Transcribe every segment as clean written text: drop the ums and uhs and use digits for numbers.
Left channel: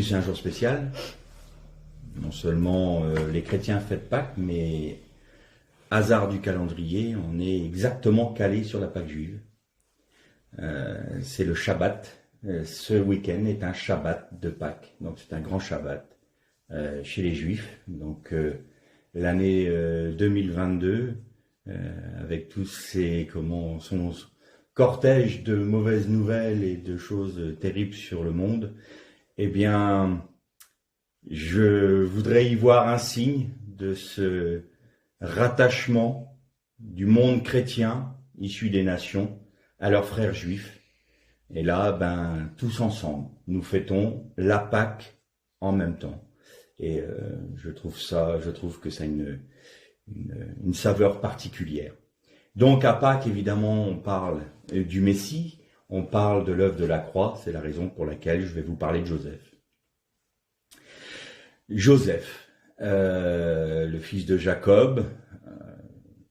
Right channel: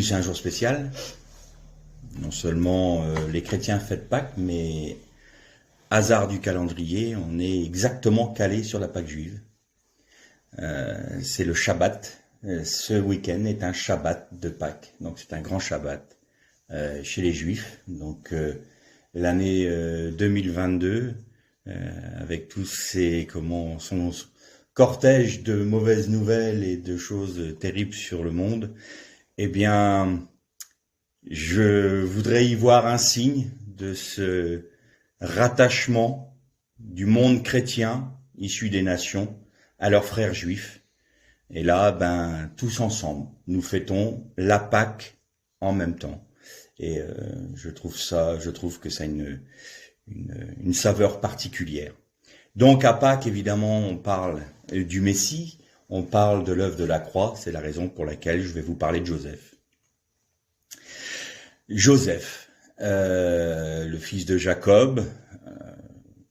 Aujourd'hui, c'est un jour spécial. Non seulement les chrétiens fêtent Pâques, mais hasard du calendrier, on est exactement calé sur la Pâque juive. C'est le Shabbat. Ce week-end est un Shabbat de Pâques, donc c'est un grand Shabbat chez les Juifs. Donc l'année 2022, avec tous son cortège de mauvaises nouvelles et de choses terribles sur le monde, eh bien, je voudrais y voir un signe de ce rattachement du monde chrétien issu des nations à leurs frères juifs. Et là, tous ensemble, nous fêtons la Pâque en même temps. Et je trouve que ça a une saveur particulière. Donc à Pâques, évidemment, on parle du Messie, on parle de l'œuvre de la croix. C'est la raison pour laquelle je vais vous parler de Joseph. Joseph, le fils de Jacob.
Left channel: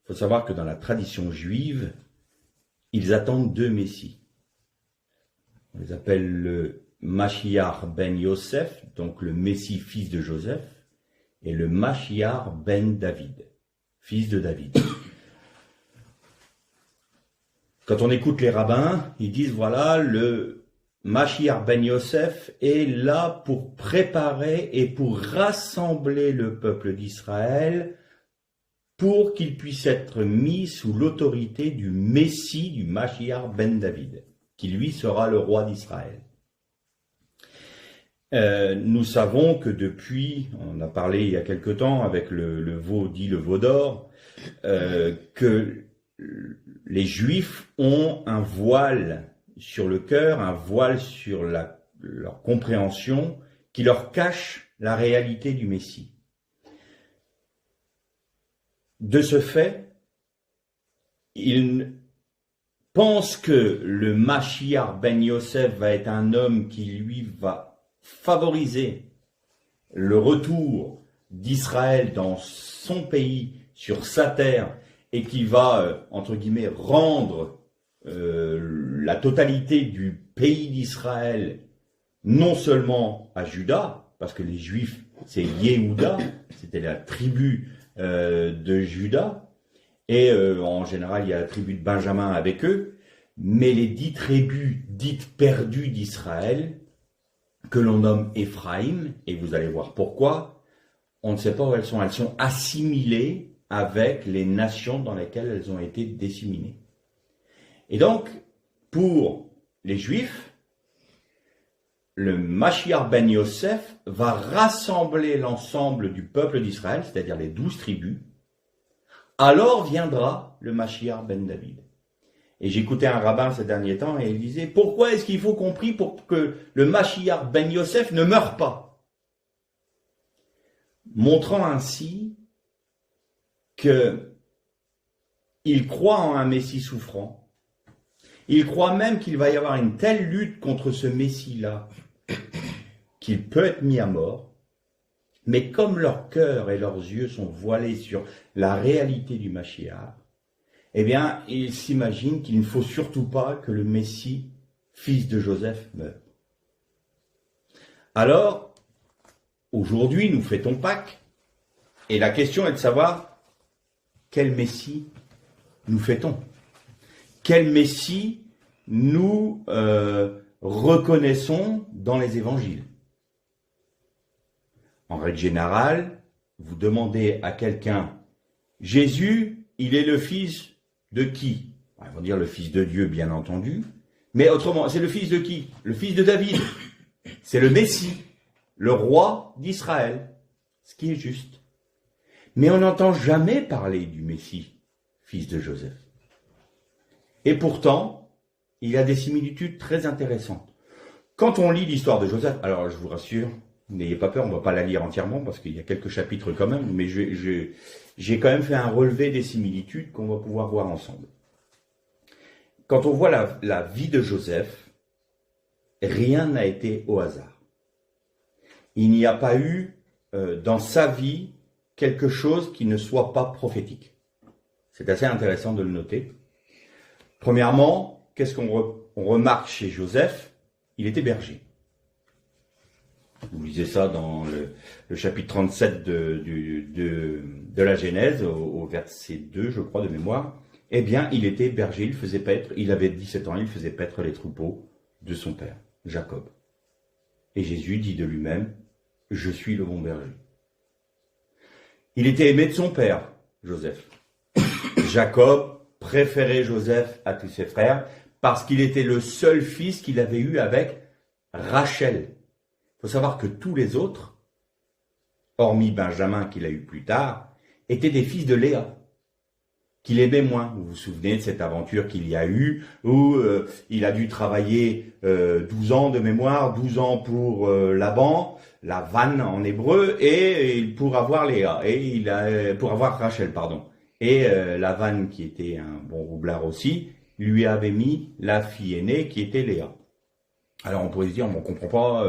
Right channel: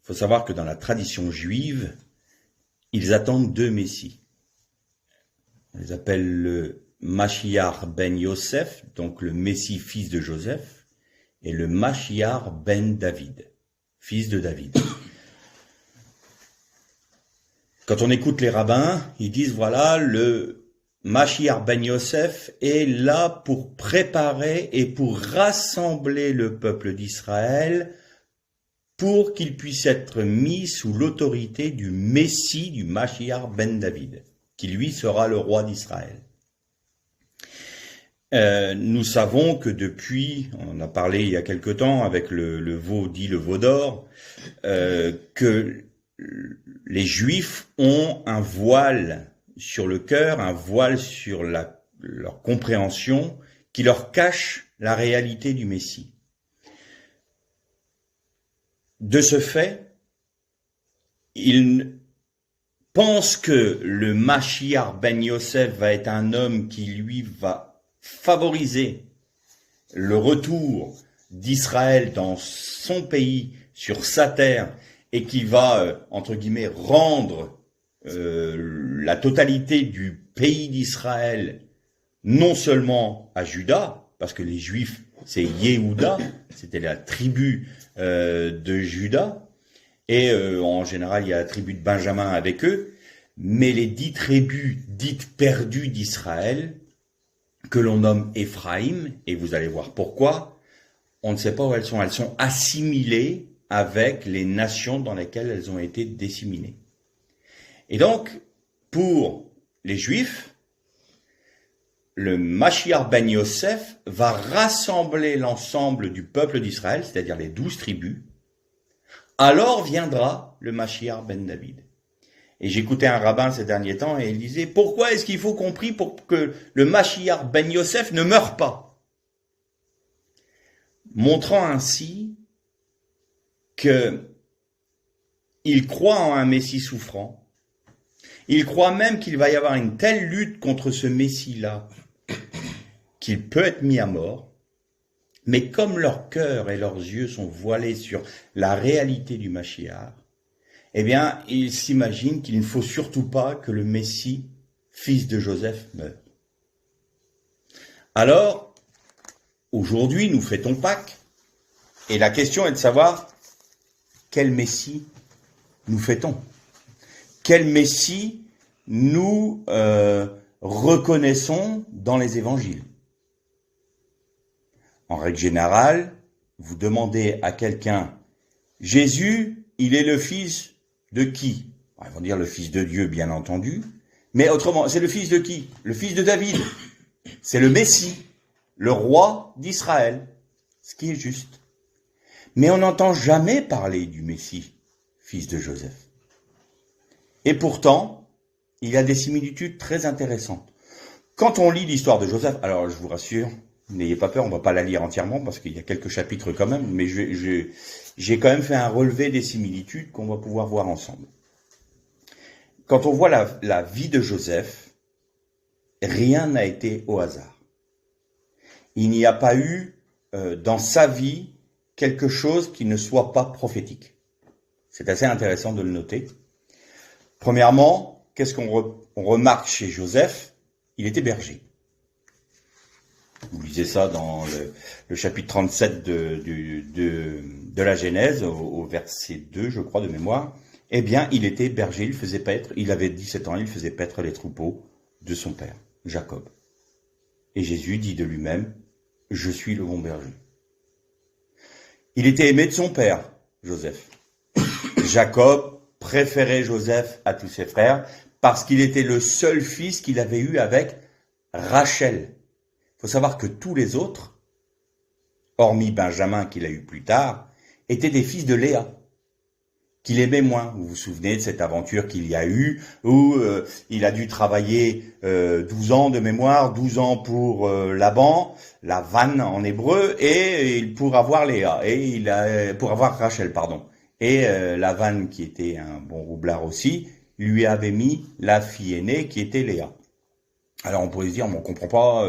Faut savoir que dans la tradition juive, ils attendent deux messies. On les appelle le Mashiach ben Yosef, donc le Messie fils de Joseph, et le Mashiach ben David, fils de David. Quand on écoute les rabbins, ils disent voilà, le Mashiach ben Yosef est là pour préparer et pour rassembler le peuple d'Israël pour qu'il puisse être mis sous l'autorité du Messie, du Mashiach ben David, qui lui sera le roi d'Israël. Nous savons que depuis, on en a parlé il y a quelque temps avec le veau d'or, que les Juifs ont un voile sur le cœur, un voile sur leur compréhension, qui leur cache la réalité du Messie. De ce fait, ils pensent que le Mashiach ben Yosef va être un homme qui, lui, va favoriser le retour d'Israël dans son pays, sur sa terre, et qui va, entre guillemets, rendre la totalité du pays d'Israël, non seulement à Juda, parce que les Juifs, c'est Yehuda, c'était la tribu de Juda, et en général, il y a la tribu de Benjamin avec eux, mais les 10 tribus dites perdues d'Israël, que l'on nomme Éphraïm, et vous allez voir pourquoi, on ne sait pas où elles sont assimilées avec les nations dans lesquelles elles ont été disséminées. Et donc, pour les Juifs, le Mashiach ben Yosef va rassembler l'ensemble du peuple d'Israël, c'est-à-dire les 12 tribus. Alors viendra le Mashiach ben David. Et j'écoutais un rabbin ces derniers temps et il disait « Pourquoi est-ce qu'il faut qu'on prie pour que le Mashiach ben Yosef ne meure pas ?» Montrant ainsi qu'il croit en un Messie souffrant. Il croit même qu'il va y avoir une telle lutte contre ce Messie-là qu'il peut être mis à mort. Mais comme leur cœur et leurs yeux sont voilés sur la réalité du Mashiach, eh bien, ils s'imaginent qu'il ne faut surtout pas que le Messie, fils de Joseph, meure. Alors, aujourd'hui, nous fêtons Pâques, et la question est de savoir quel Messie nous fêtons. Quel Messie nous reconnaissons dans les évangiles. En règle générale, vous demandez à quelqu'un, Jésus, il est le fils de qui? Ils vont dire le fils de Dieu, bien entendu, mais autrement, c'est le fils de qui? Le fils de David. C'est le Messie, le roi d'Israël, ce qui est juste. Mais on n'entend jamais parler du Messie, fils de Joseph. Et pourtant, il y a des similitudes très intéressantes. Quand on lit l'histoire de Joseph, alors je vous rassure, n'ayez pas peur, on ne va pas la lire entièrement parce qu'il y a quelques chapitres quand même, mais j'ai quand même fait un relevé des similitudes qu'on va pouvoir voir ensemble. Quand on voit la vie de Joseph, rien n'a été au hasard. Il n'y a pas eu dans sa vie quelque chose qui ne soit pas prophétique. C'est assez intéressant de le noter. Premièrement, qu'est-ce qu'on remarque chez Joseph? Il était berger. Vous lisez ça dans le chapitre 37 de la Genèse, au verset 2, je crois, de mémoire. Eh bien, il était berger, il avait 17 ans, il faisait paître les troupeaux de son père, Jacob. Et Jésus dit de lui-même, je suis le bon berger. Il était aimé de son père, Joseph. Jacob préférait Joseph à tous ses frères parce qu'il était le seul fils qu'il avait eu avec Rachel. Il faut savoir que tous les autres, hormis Benjamin qu'il a eu plus tard, étaient des fils de Léa, qu'il aimait moins. Vous vous souvenez de cette aventure qu'il y a eu, où il a dû travailler 12 ans de mémoire, 12 ans pour Laban, la vanne en hébreu, et pour avoir Léa, pour avoir Rachel, pardon. Et la vanne, qui était un bon roublard aussi, lui avait mis la fille aînée qui était Léa. Alors on pourrait se dire, on ne comprend pas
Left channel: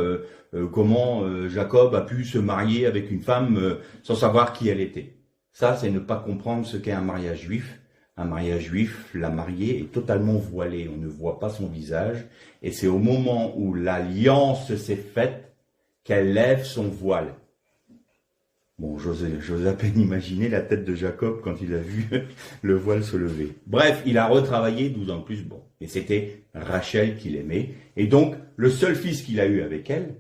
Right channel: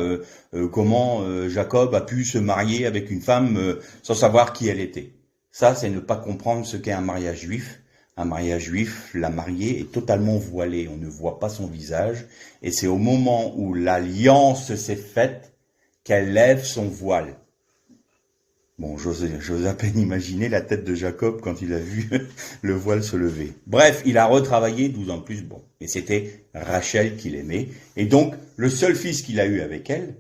comment Jacob a pu se marier avec une femme sans savoir qui elle était. Ça, c'est ne pas comprendre ce qu'est un mariage juif. Un mariage juif, la mariée est totalement voilée, on ne voit pas son visage, et c'est au moment où l'alliance s'est faite qu'elle lève son voile. Bon, j'ose à peine imaginer la tête de Jacob quand il a vu le voile se lever. Bref, il a retravaillé 12 ans de plus, bon. Et c'était Rachel qu'il aimait. Et donc, le seul fils qu'il a eu avec elle,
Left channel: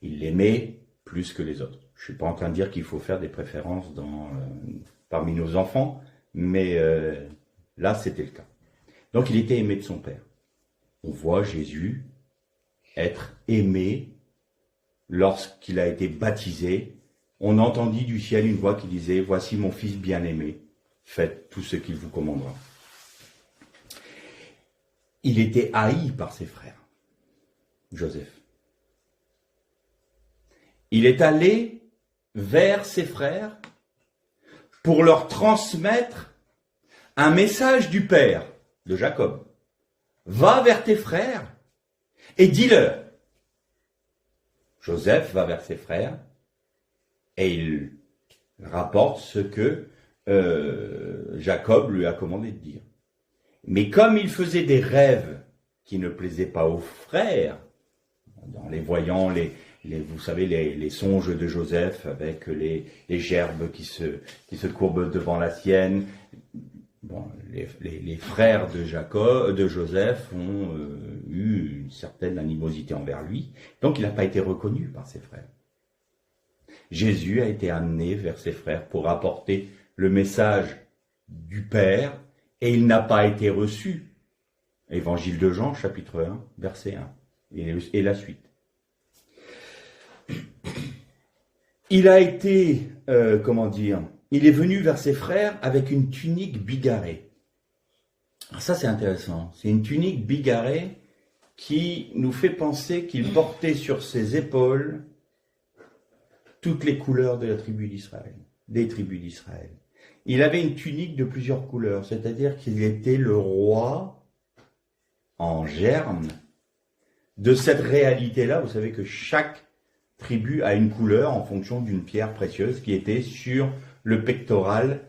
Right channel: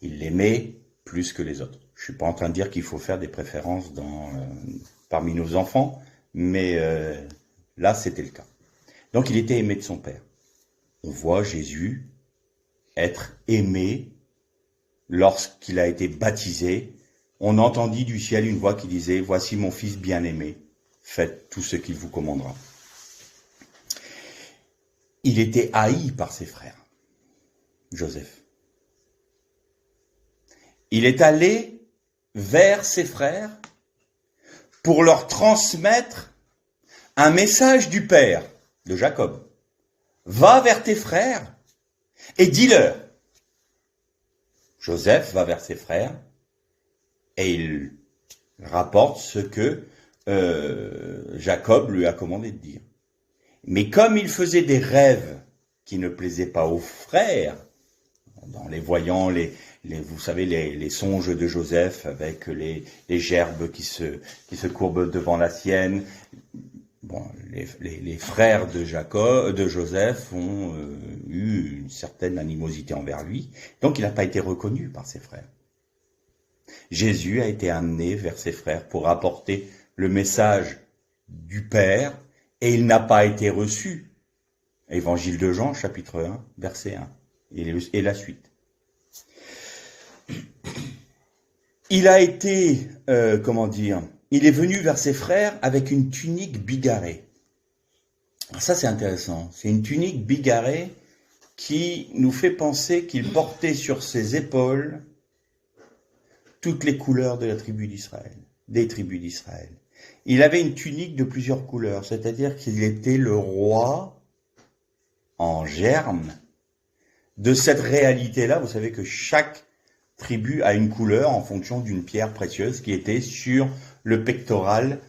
il l'aimait plus que les autres. Je suis pas en train de dire qu'il faut faire des préférences parmi nos enfants, mais là, c'était le cas. Donc, il était aimé de son père. On voit Jésus être aimé lorsqu'il a été baptisé. On entendit du ciel une voix qui disait « Voici mon fils bien-aimé, faites tout ce qu'il vous commandera. » Il était haï par ses frères, Joseph. Il est allé vers ses frères pour leur transmettre un message du père, de Jacob. « Va vers tes frères et dis-leur. » Joseph va vers ses frères et il rapporte ce que Jacob lui a commandé de dire. Mais comme il faisait des rêves qui ne plaisaient pas aux frères, en les voyant, vous savez, les songes de Joseph avec les gerbes qui se courbent devant la sienne, bon, les frères de Joseph ont eu une certaine animosité envers lui, donc il n'a pas été reconnu par ses frères. Jésus a été amené vers ses frères pour apporter le message du Père, et il n'a pas été reçu. Évangile de Jean, chapitre 1, verset 1, et la suite. Il a été, il est venu vers ses frères avec une tunique bigarrée. Alors ça, c'est intéressant. C'est une tunique bigarrée qui nous fait penser qu'il portait sur ses épaules toutes les couleurs de la tribu d'Israël, des tribus d'Israël. Il avait une tunique de plusieurs couleurs, c'est-à-dire qu'il était le roi en germe de cette réalité-là. Vous savez que chaque tribu a une couleur en fonction d'une pierre précieuse qui était sur le pectoral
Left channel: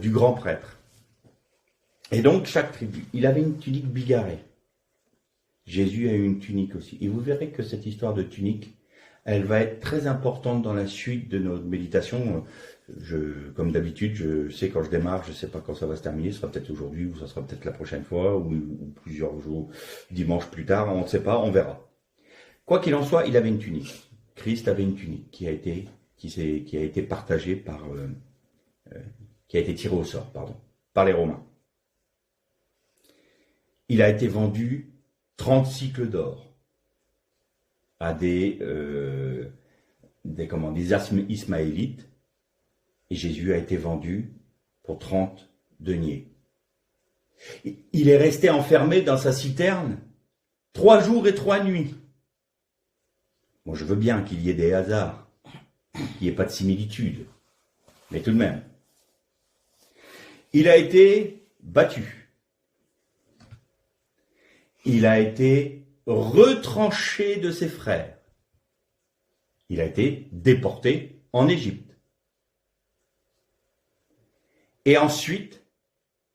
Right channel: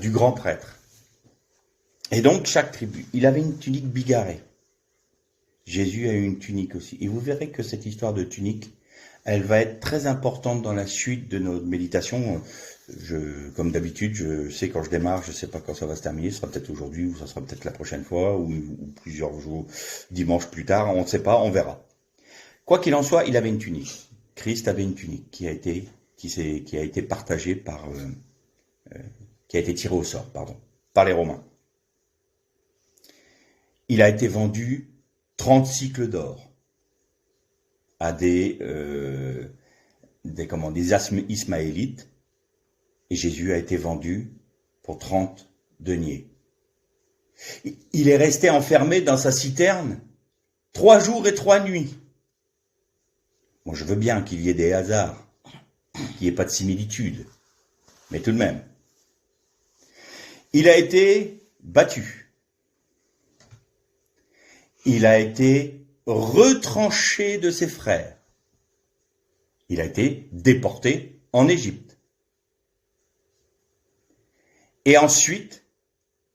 du grand prêtre. Et donc, chaque tribu, il avait une tunique bigarrée. Jésus a eu une tunique aussi. Et vous verrez que cette histoire de tunique, elle va être très importante dans la suite de notre méditation. Comme d'habitude, je sais quand je démarre, je ne sais pas quand ça va se terminer. Ce sera peut-être aujourd'hui ou ça sera peut-être la prochaine fois ou plusieurs jours, dimanche plus tard. On ne sait pas, on verra. Quoi qu'il en soit, il avait une tunique. Christ avait une tunique qui a été partagée qui a été tirée au sort, par les Romains. Il a été vendu 30 cycles d'or à des Ismaélites, et Jésus a été vendu pour 30 deniers. Il est resté enfermé dans sa citerne 3 jours et 3 nuits. Bon, je veux bien qu'il y ait des hasards, qu'il n'y ait pas de similitude, mais tout de même. Il a été battu. Il a été retranché de ses frères. Il a été déporté en Égypte. Et ensuite,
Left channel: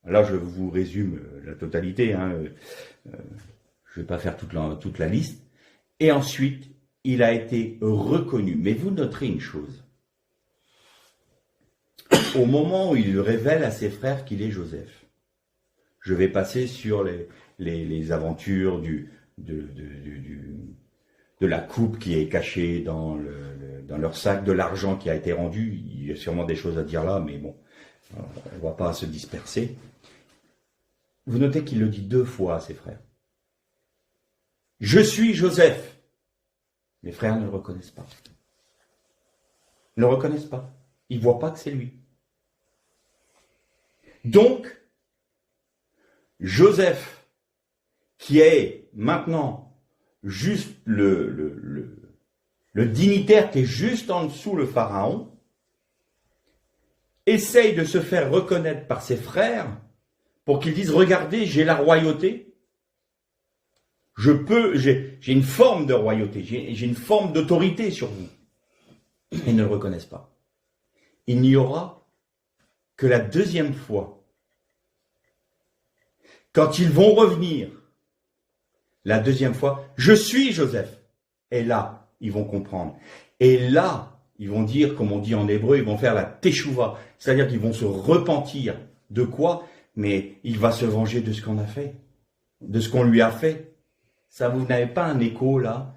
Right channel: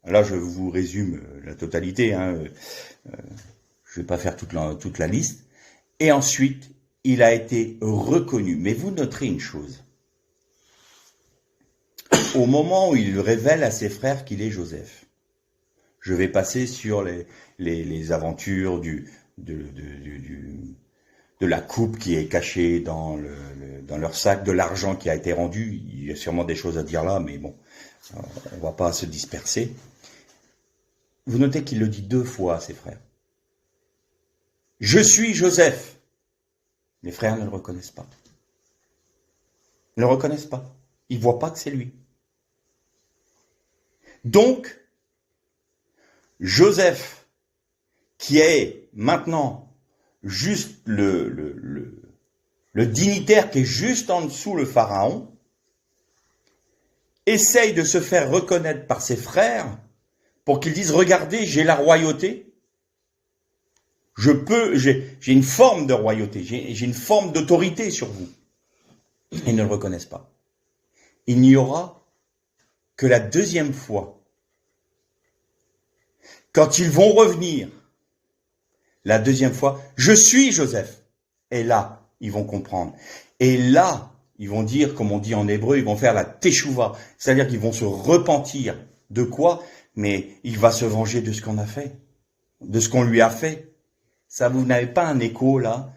là je vous résume la totalité, je ne vais pas faire toute la liste, et ensuite il a été reconnu. Mais vous noterez une chose. Au moment où il révèle à ses frères qu'il est Joseph, je vais passer sur les aventures de la coupe qui est cachée dans leur sac, de l'argent qui a été rendu. Il y a sûrement des choses à dire là, mais bon, on ne va pas se disperser. Vous notez qu'il le dit 2 fois à ses frères. Je suis Joseph. Les frères ne le reconnaissent pas. Ne le reconnaissent pas. Ils ne voient pas que c'est lui. Donc, Joseph, qui est maintenant juste le dignitaire qui est juste en dessous le pharaon, essaye de se faire reconnaître par ses frères pour qu'ils disent « Regardez, j'ai la royauté, j'ai une forme de royauté, j'ai une forme d'autorité sur vous. » Ils ne le reconnaissent pas. Il n'y aura que la 2e fois, quand ils vont revenir, la 2e fois, je suis Joseph. Et là, ils vont comprendre. Et là, ils vont dire, comme on dit en hébreu, ils vont faire la teshuva. C'est-à-dire qu'ils vont se repentir. De quoi? Mais il va se venger de ce qu'on a fait. De ce qu'on lui a fait. Ça, vous n'avez pas un écho, là,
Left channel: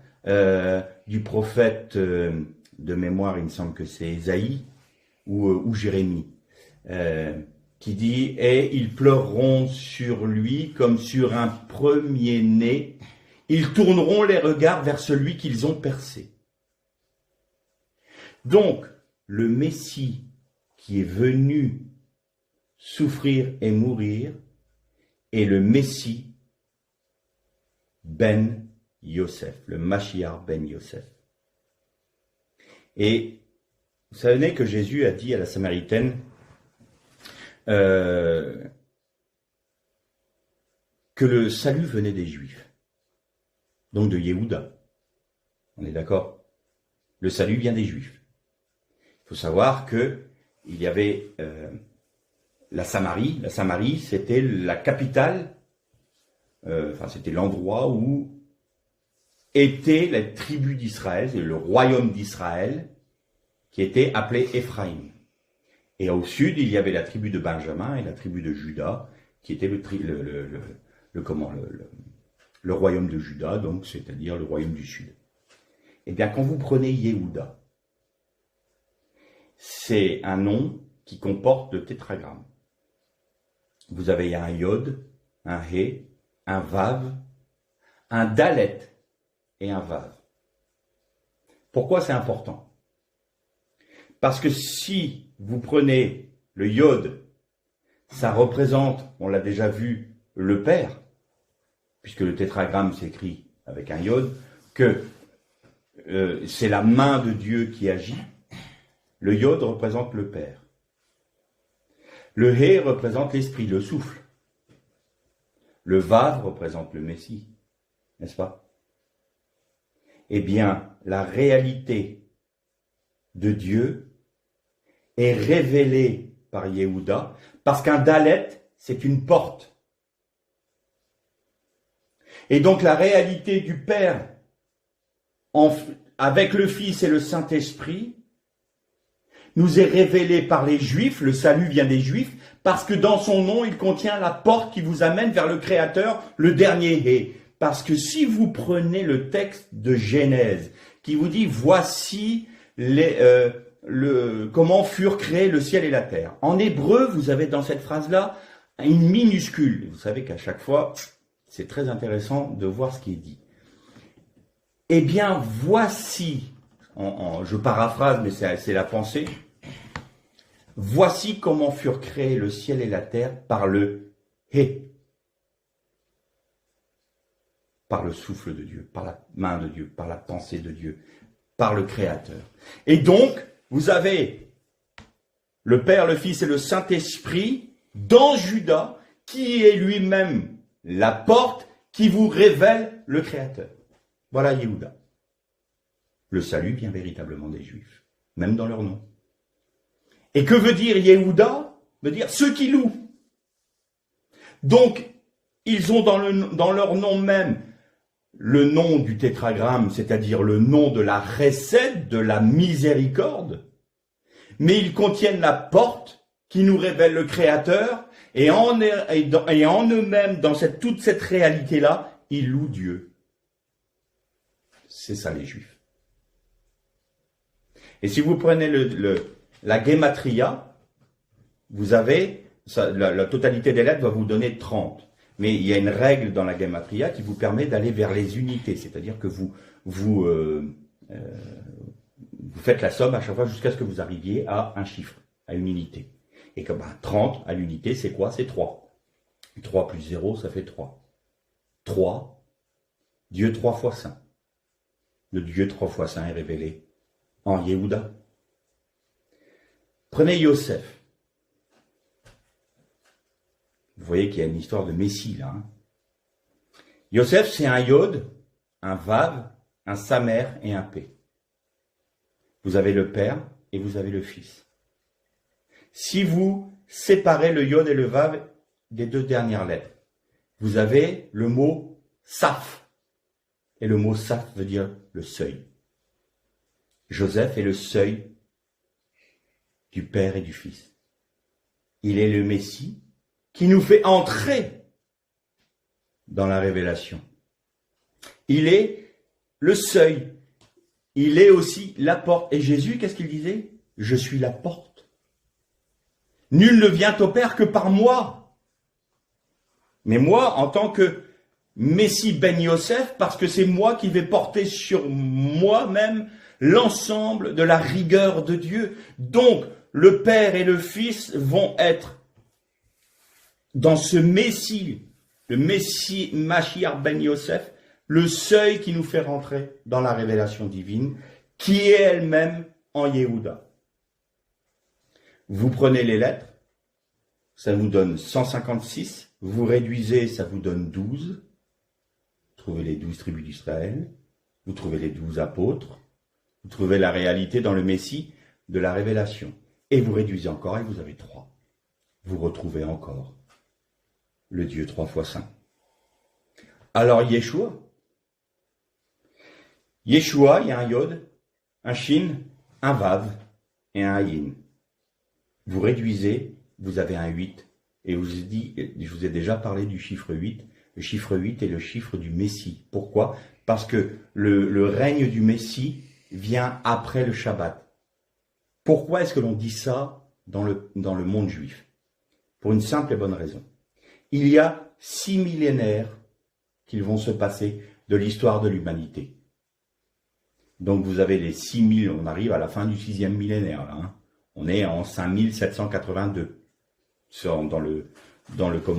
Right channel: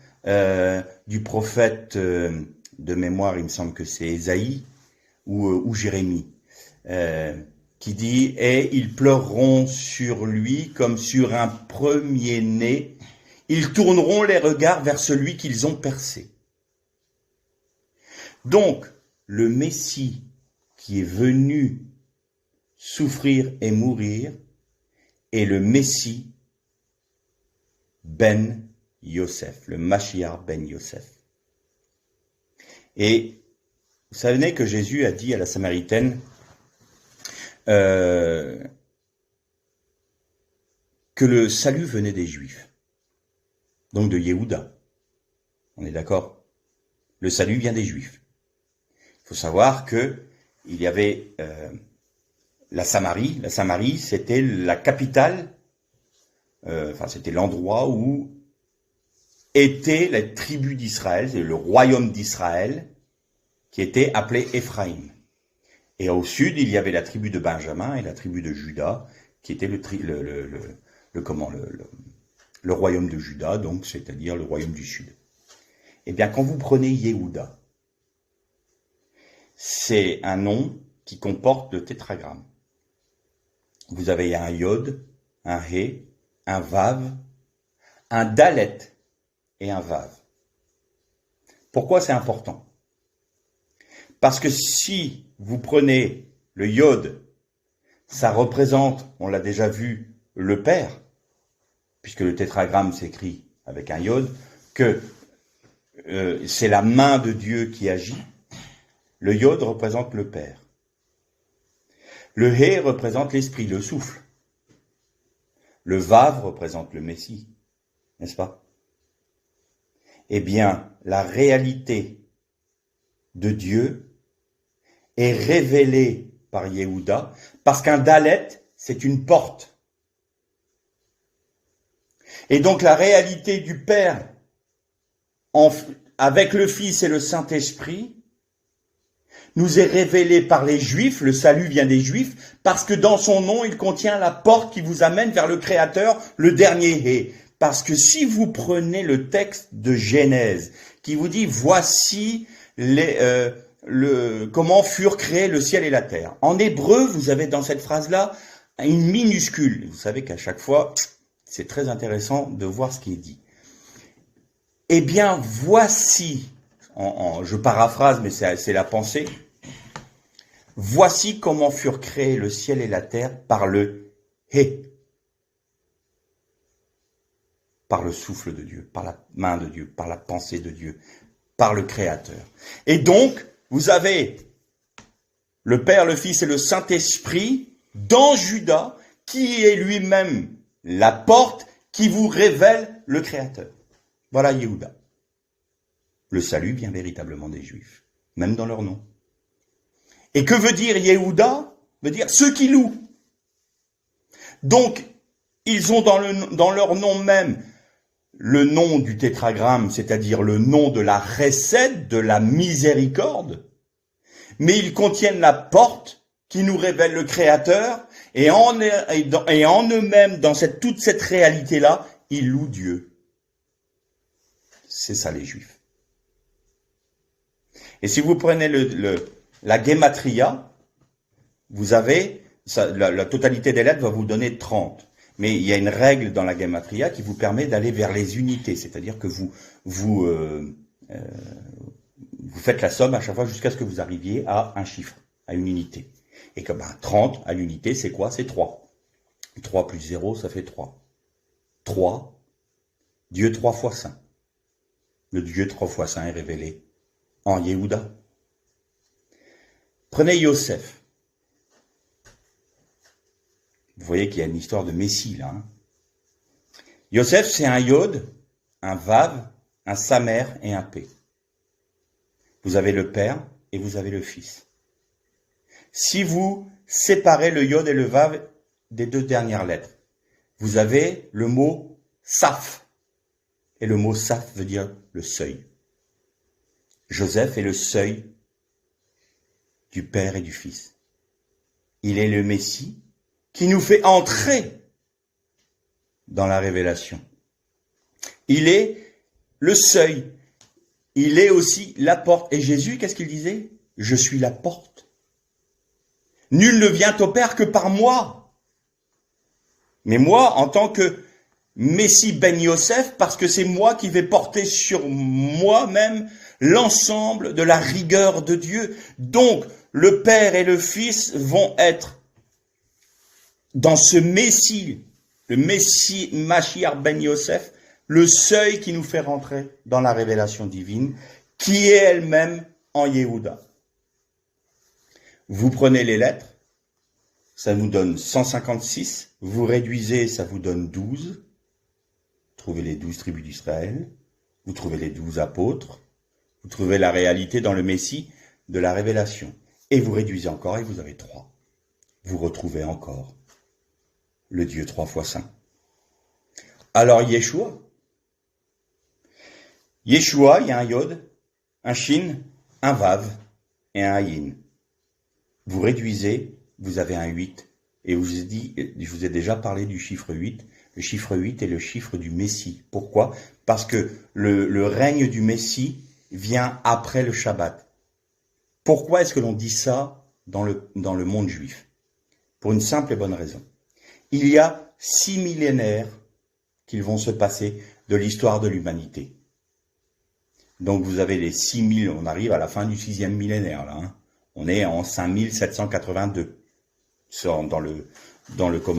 du prophète de mémoire, il me semble que c'est Ésaïe ou Jérémie, qui dit « Et ils pleureront sur lui comme sur un premier-né. Ils tourneront les regards vers celui qu'ils ont percé. » Donc, le Messie qui est venu souffrir et mourir est le Messie Ben Yosef, le Mashiach Ben Yosef. Et vous savez que Jésus a dit à la Samaritaine que le salut venait des Juifs, donc de Yehuda. On est d'accord? Le salut vient des Juifs. Il faut savoir que il y avait la Samarie. La Samarie, c'était la capitale, c'était l'endroit où étaient les tribus d'Israël, le royaume d'Israël, qui était appelé Éphraïm. Et au sud, il y avait la tribu de Benjamin et la tribu de Juda, qui était le royaume de Juda, donc c'est-à-dire le royaume du sud. Eh bien, quand vous prenez Yehuda, c'est un nom qui comporte le tétragramme. Vous avez un Yod, un He, un Vav, un Dalet et un Vav. Pourquoi c'est important? Parce que si vous prenez le Yod, ça représente, on l'a déjà vu, le Père, puisque le tétragramme s'écrit avec un Yod, que c'est la main de Dieu qui agit. Le Yod représente le Père. Le He représente l'Esprit, le souffle. Le Vav représente le Messie, n'est-ce pas? Eh bien, la réalité de Dieu est révélée par Yehuda, parce qu'un Dalet, c'est une porte. Et donc la réalité du Père avec le Fils et le Saint-Esprit nous est révélée par les Juifs, le salut vient des Juifs, parce que dans son nom, il contient la porte qui vous amène vers le Créateur, le dernier Hé. Parce que si vous prenez le texte de Genèse, qui vous dit « Voici comment furent créés le ciel et la terre ». En hébreu, vous avez dans cette phrase-là une minuscule. Vous savez qu'à chaque fois, c'est très intéressant de voir ce qui est dit. Eh bien, voici, je paraphrase, mais c'est la pensée, voici comment furent créés le ciel et la terre par le Hé. Par le souffle de Dieu, par la main de Dieu, par la pensée de Dieu, par le Créateur. Et donc, vous avez le Père, le Fils et le Saint-Esprit dans Judas, qui est lui-même la porte qui vous révèle le Créateur. Voilà Yehuda. Le salut vient véritablement des Juifs, même dans leur nom. Et que veut dire Yehuda? Veut dire ceux qui louent. Donc, ils ont dans leur nom même le nom du tétragramme, c'est-à-dire le nom de la Chesed, de la miséricorde, mais ils contiennent la porte qui nous révèle le Créateur, et en eux-mêmes, dans toute cette réalité-là, ils louent Dieu. C'est ça les Juifs. Et si vous prenez la Gematria, vous avez, la totalité des lettres va vous donner 30. Mais il y a une règle dans la Gematria qui vous permet d'aller vers les unités, c'est-à-dire que vous faites la somme à chaque fois jusqu'à ce que vous arriviez à un chiffre, à une unité. Et comme 30 à l'unité, c'est quoi? C'est 3. 3 plus 0, ça fait 3. 3, Dieu 3 fois saint. Le Dieu 3 fois saint est révélé en Yehuda. Prenez Yosef. Vous voyez qu'il y a une histoire de Messie là. Yosef, c'est un Yod, un Vav, un Samer et un P. Vous avez le Père et vous avez le Fils. Si vous séparez le Yod et le Vav des deux dernières lettres, vous avez le mot Saf. Et le mot Saf veut dire le seuil. Joseph est le seuil du Père et du Fils. Il est le Messie qui nous fait entrer dans la révélation. Il est le seuil. Il est aussi la porte. Et Jésus, qu'est-ce qu'il disait? Je suis la porte. Nul ne vient au Père que par moi. Mais moi, en tant que Messie Ben Yosef, parce que c'est moi qui vais porter sur moi-même l'ensemble de la rigueur de Dieu. Donc, le Père et le Fils vont être dans ce Messie, le Messie Mashiach Ben Yosef, le seuil qui nous fait rentrer dans la révélation divine, qui est elle-même en Yehuda. Vous prenez les lettres, ça nous donne 156, vous réduisez, ça vous donne 12, trouvez les 12 tribus d'Israël, vous trouvez les 12 apôtres, vous trouvez la réalité dans le Messie de la révélation. Et vous réduisez encore et vous avez 3. Vous retrouvez encore le Dieu 3 fois saint. Alors Yeshua, il y a un Yod, un Shin, un Vav et un Ayin. Vous réduisez, vous avez un 8. Et je vous ai déjà parlé du chiffre 8. Le chiffre 8 est le chiffre du Messie. Pourquoi? Parce que le règne du Messie vient après le Shabbat. Pourquoi est-ce que l'on dit ça dans le monde juif? Pour une simple et bonne raison. Il y a 6 millénaires qui vont se passer de l'histoire de l'humanité. Donc vous avez les 6000, on arrive à la fin du 6e millénaire. Là, hein. On est en 5782 dans le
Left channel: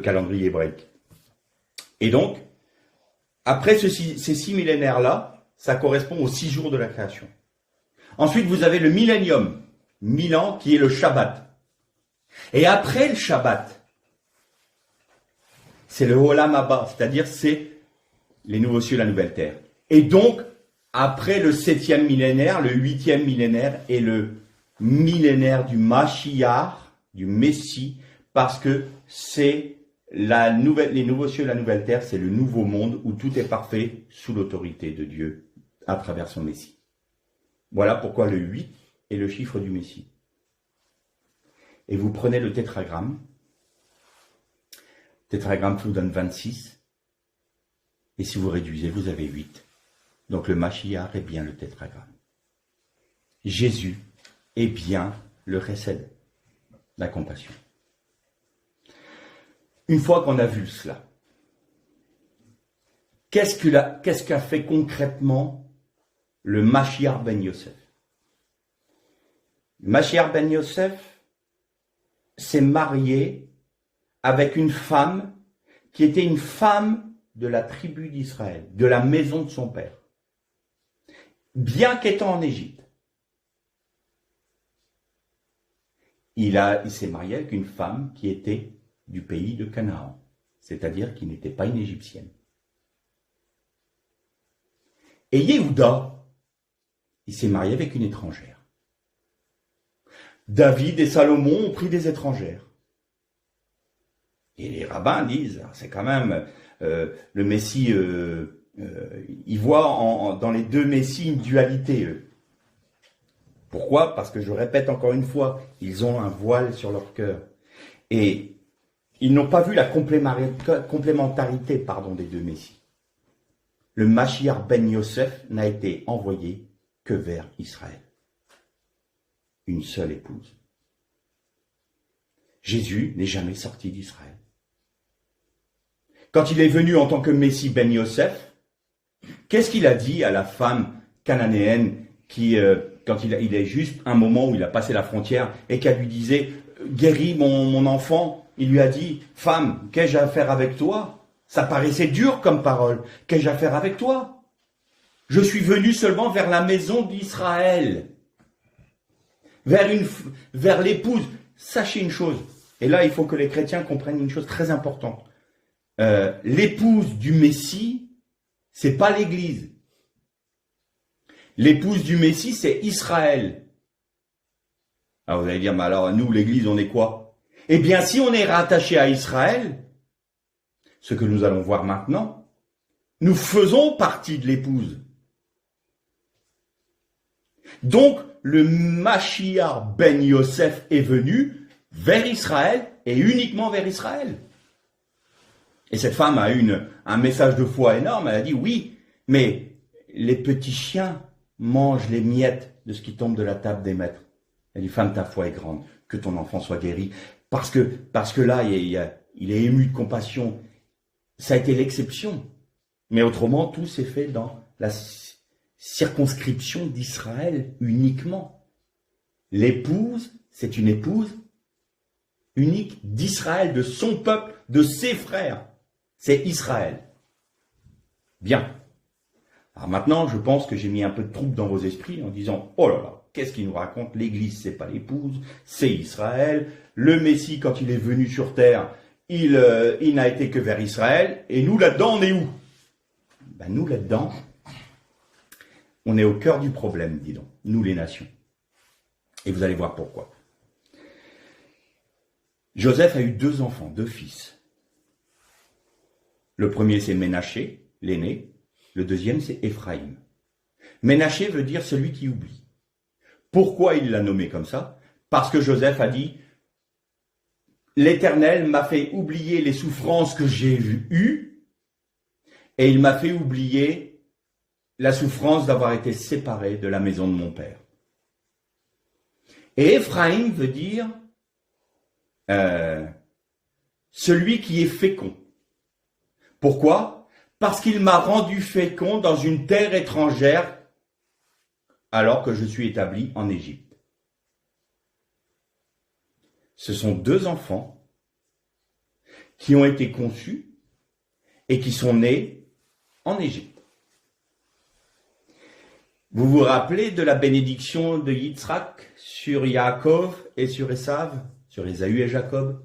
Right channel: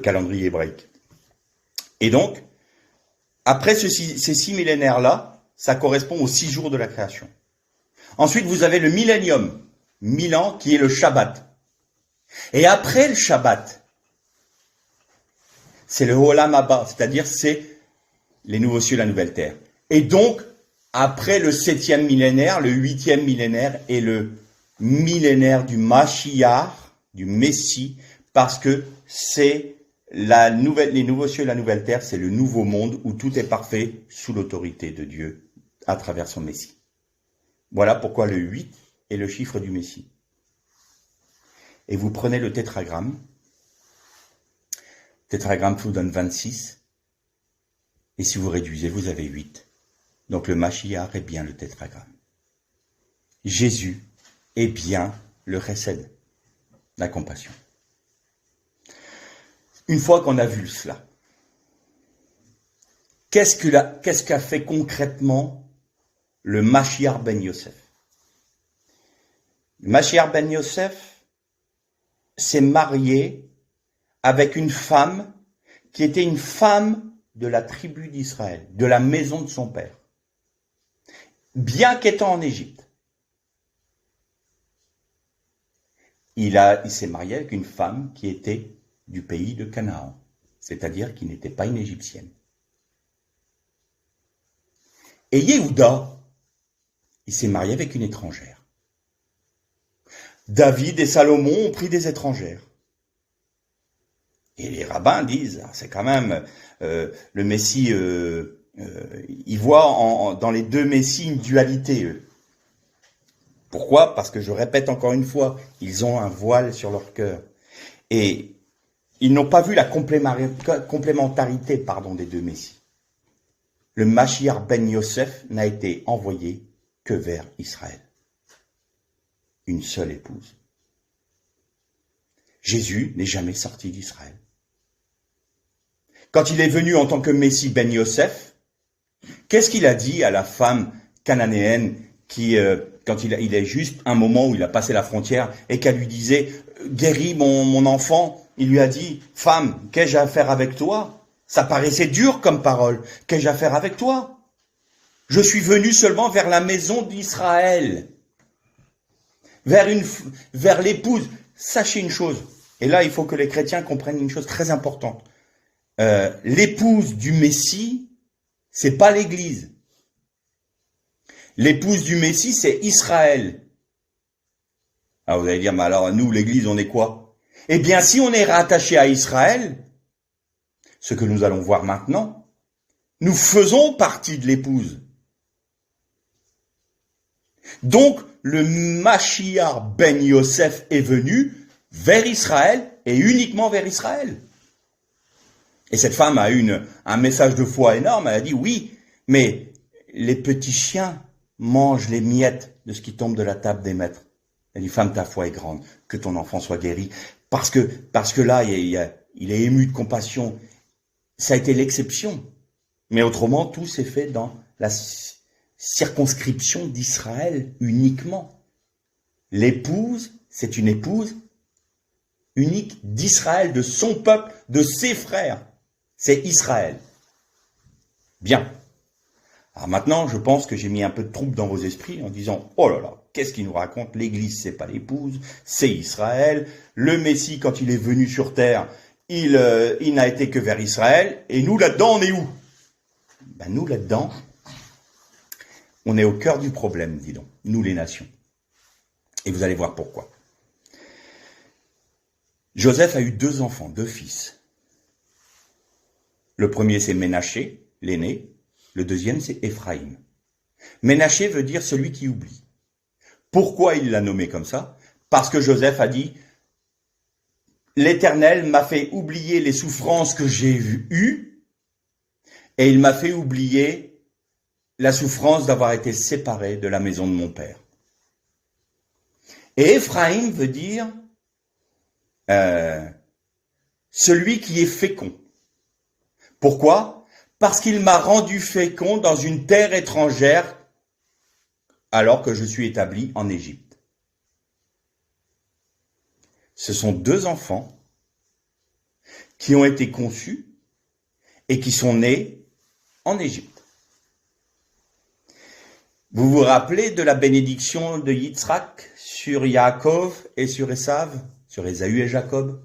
calendrier hébraïque. Et donc, après ces 6 millénaires-là, ça correspond aux 6 jours de la création. Ensuite, vous avez le millénium, 1000 ans, qui est le Shabbat. Et après le Shabbat, c'est le Olam Haba, c'est-à-dire c'est les nouveaux cieux, la nouvelle terre. Et donc, après le 7e millénaire, le 8e millénaire est le millénaire du Mashiach, du Messie, parce que c'est les nouveaux cieux, la nouvelle terre, c'est le nouveau monde où tout est parfait sous l'autorité de Dieu à travers son Messie. Voilà pourquoi le 8 est le chiffre du Messie. Et vous prenez le tétragramme. Le tétragramme vous donne 26. Et si vous réduisez, vous avez 8. Donc le Mashiach est bien le tétragramme. Jésus est bien le Chesed, la compassion. Une fois qu'on a vu cela, qu'est-ce qu'a fait concrètement le Mashiach Ben Yosef? Le Mashiach Ben Yosef s'est marié avec une femme qui était une femme de la tribu d'Israël, de la maison de son père, bien qu'étant en Égypte. Il s'est marié avec une femme qui était du pays de Canaan, c'est-à-dire qui n'était pas une Égyptienne. Et Yehuda, il s'est marié avec une étrangère. David et Salomon ont pris des étrangères. Et les rabbins disent, c'est quand même le Messie, ils voient dans les deux Messies une dualité, eux. Pourquoi? Parce que je répète encore une fois, ils ont un voile sur leur cœur. Et ils n'ont pas vu la complémentarité des deux Messies. Le Mashiach ben Yosef n'a été envoyé que vers Israël. Une seule épouse. Jésus n'est jamais sorti d'Israël. Quand il est venu en tant que Messie ben Yosef, qu'est-ce qu'il a dit à la femme cananéenne qui, quand il est juste un moment où il a passé la frontière et qu'elle lui disait « Guéris mon enfant », il lui a dit « Femme, qu'ai-je à faire avec toi ?» Ça paraissait dur comme parole. « Qu'ai-je à faire avec toi ? Je suis venu seulement vers la maison d'Israël, vers l'épouse. » Sachez une chose, et là il faut que les chrétiens comprennent une chose très importante. L'épouse du Messie, c'est pas l'Église. L'épouse du Messie, c'est Israël. Alors vous allez dire, mais alors nous, l'Église, on est quoi? Eh bien, si on est rattaché à Israël, ce que nous allons voir maintenant, nous faisons partie de l'épouse. Donc, le Mashiach ben Yosef est venu vers Israël et uniquement vers Israël. Et cette femme a eu un message de foi énorme. Elle a dit oui, mais les petits chiens mangent les miettes de ce qui tombe de la table des maîtres. Elle dit femme, ta foi est grande, que ton enfant soit guéri. Parce que là, il est ému de compassion. Ça a été l'exception. Mais autrement, tout s'est fait dans la circonscription d'Israël uniquement. L'épouse, c'est une épouse unique d'Israël, de son peuple, de ses frères. C'est Israël. Bien. Alors maintenant, je pense que j'ai mis un peu de trouble dans vos esprits en disant, oh là là, qu'est-ce qu'il nous raconte? L'Église, c'est pas l'épouse, c'est Israël. Le Messie, quand il est venu sur terre, il n'a été que vers Israël. Et nous, là-dedans, on est où? Ben, nous, là-dedans, on est au cœur du problème, dis donc, nous les nations. Et vous allez voir pourquoi. Joseph a eu 2 enfants, 2 fils. Le premier, c'est Ménaché, l'aîné. Le deuxième, c'est Éphraïm. Ménaché veut dire celui qui oublie. Pourquoi il l'a nommé comme ça? Parce que Joseph a dit « L'Éternel m'a fait oublier les souffrances que j'ai eues et il m'a fait oublier la souffrance d'avoir été séparé de la maison de mon père. » Et Éphraïm veut dire celui qui est fécond. Pourquoi? Parce qu'il m'a rendu fécond dans une terre étrangère alors que je suis établi en Égypte. Ce sont 2 enfants qui ont été conçus et qui sont nés en Égypte. Vous vous rappelez de la bénédiction de Yitzhak sur Yaakov et sur Esav, sur Ésaü et Jacob?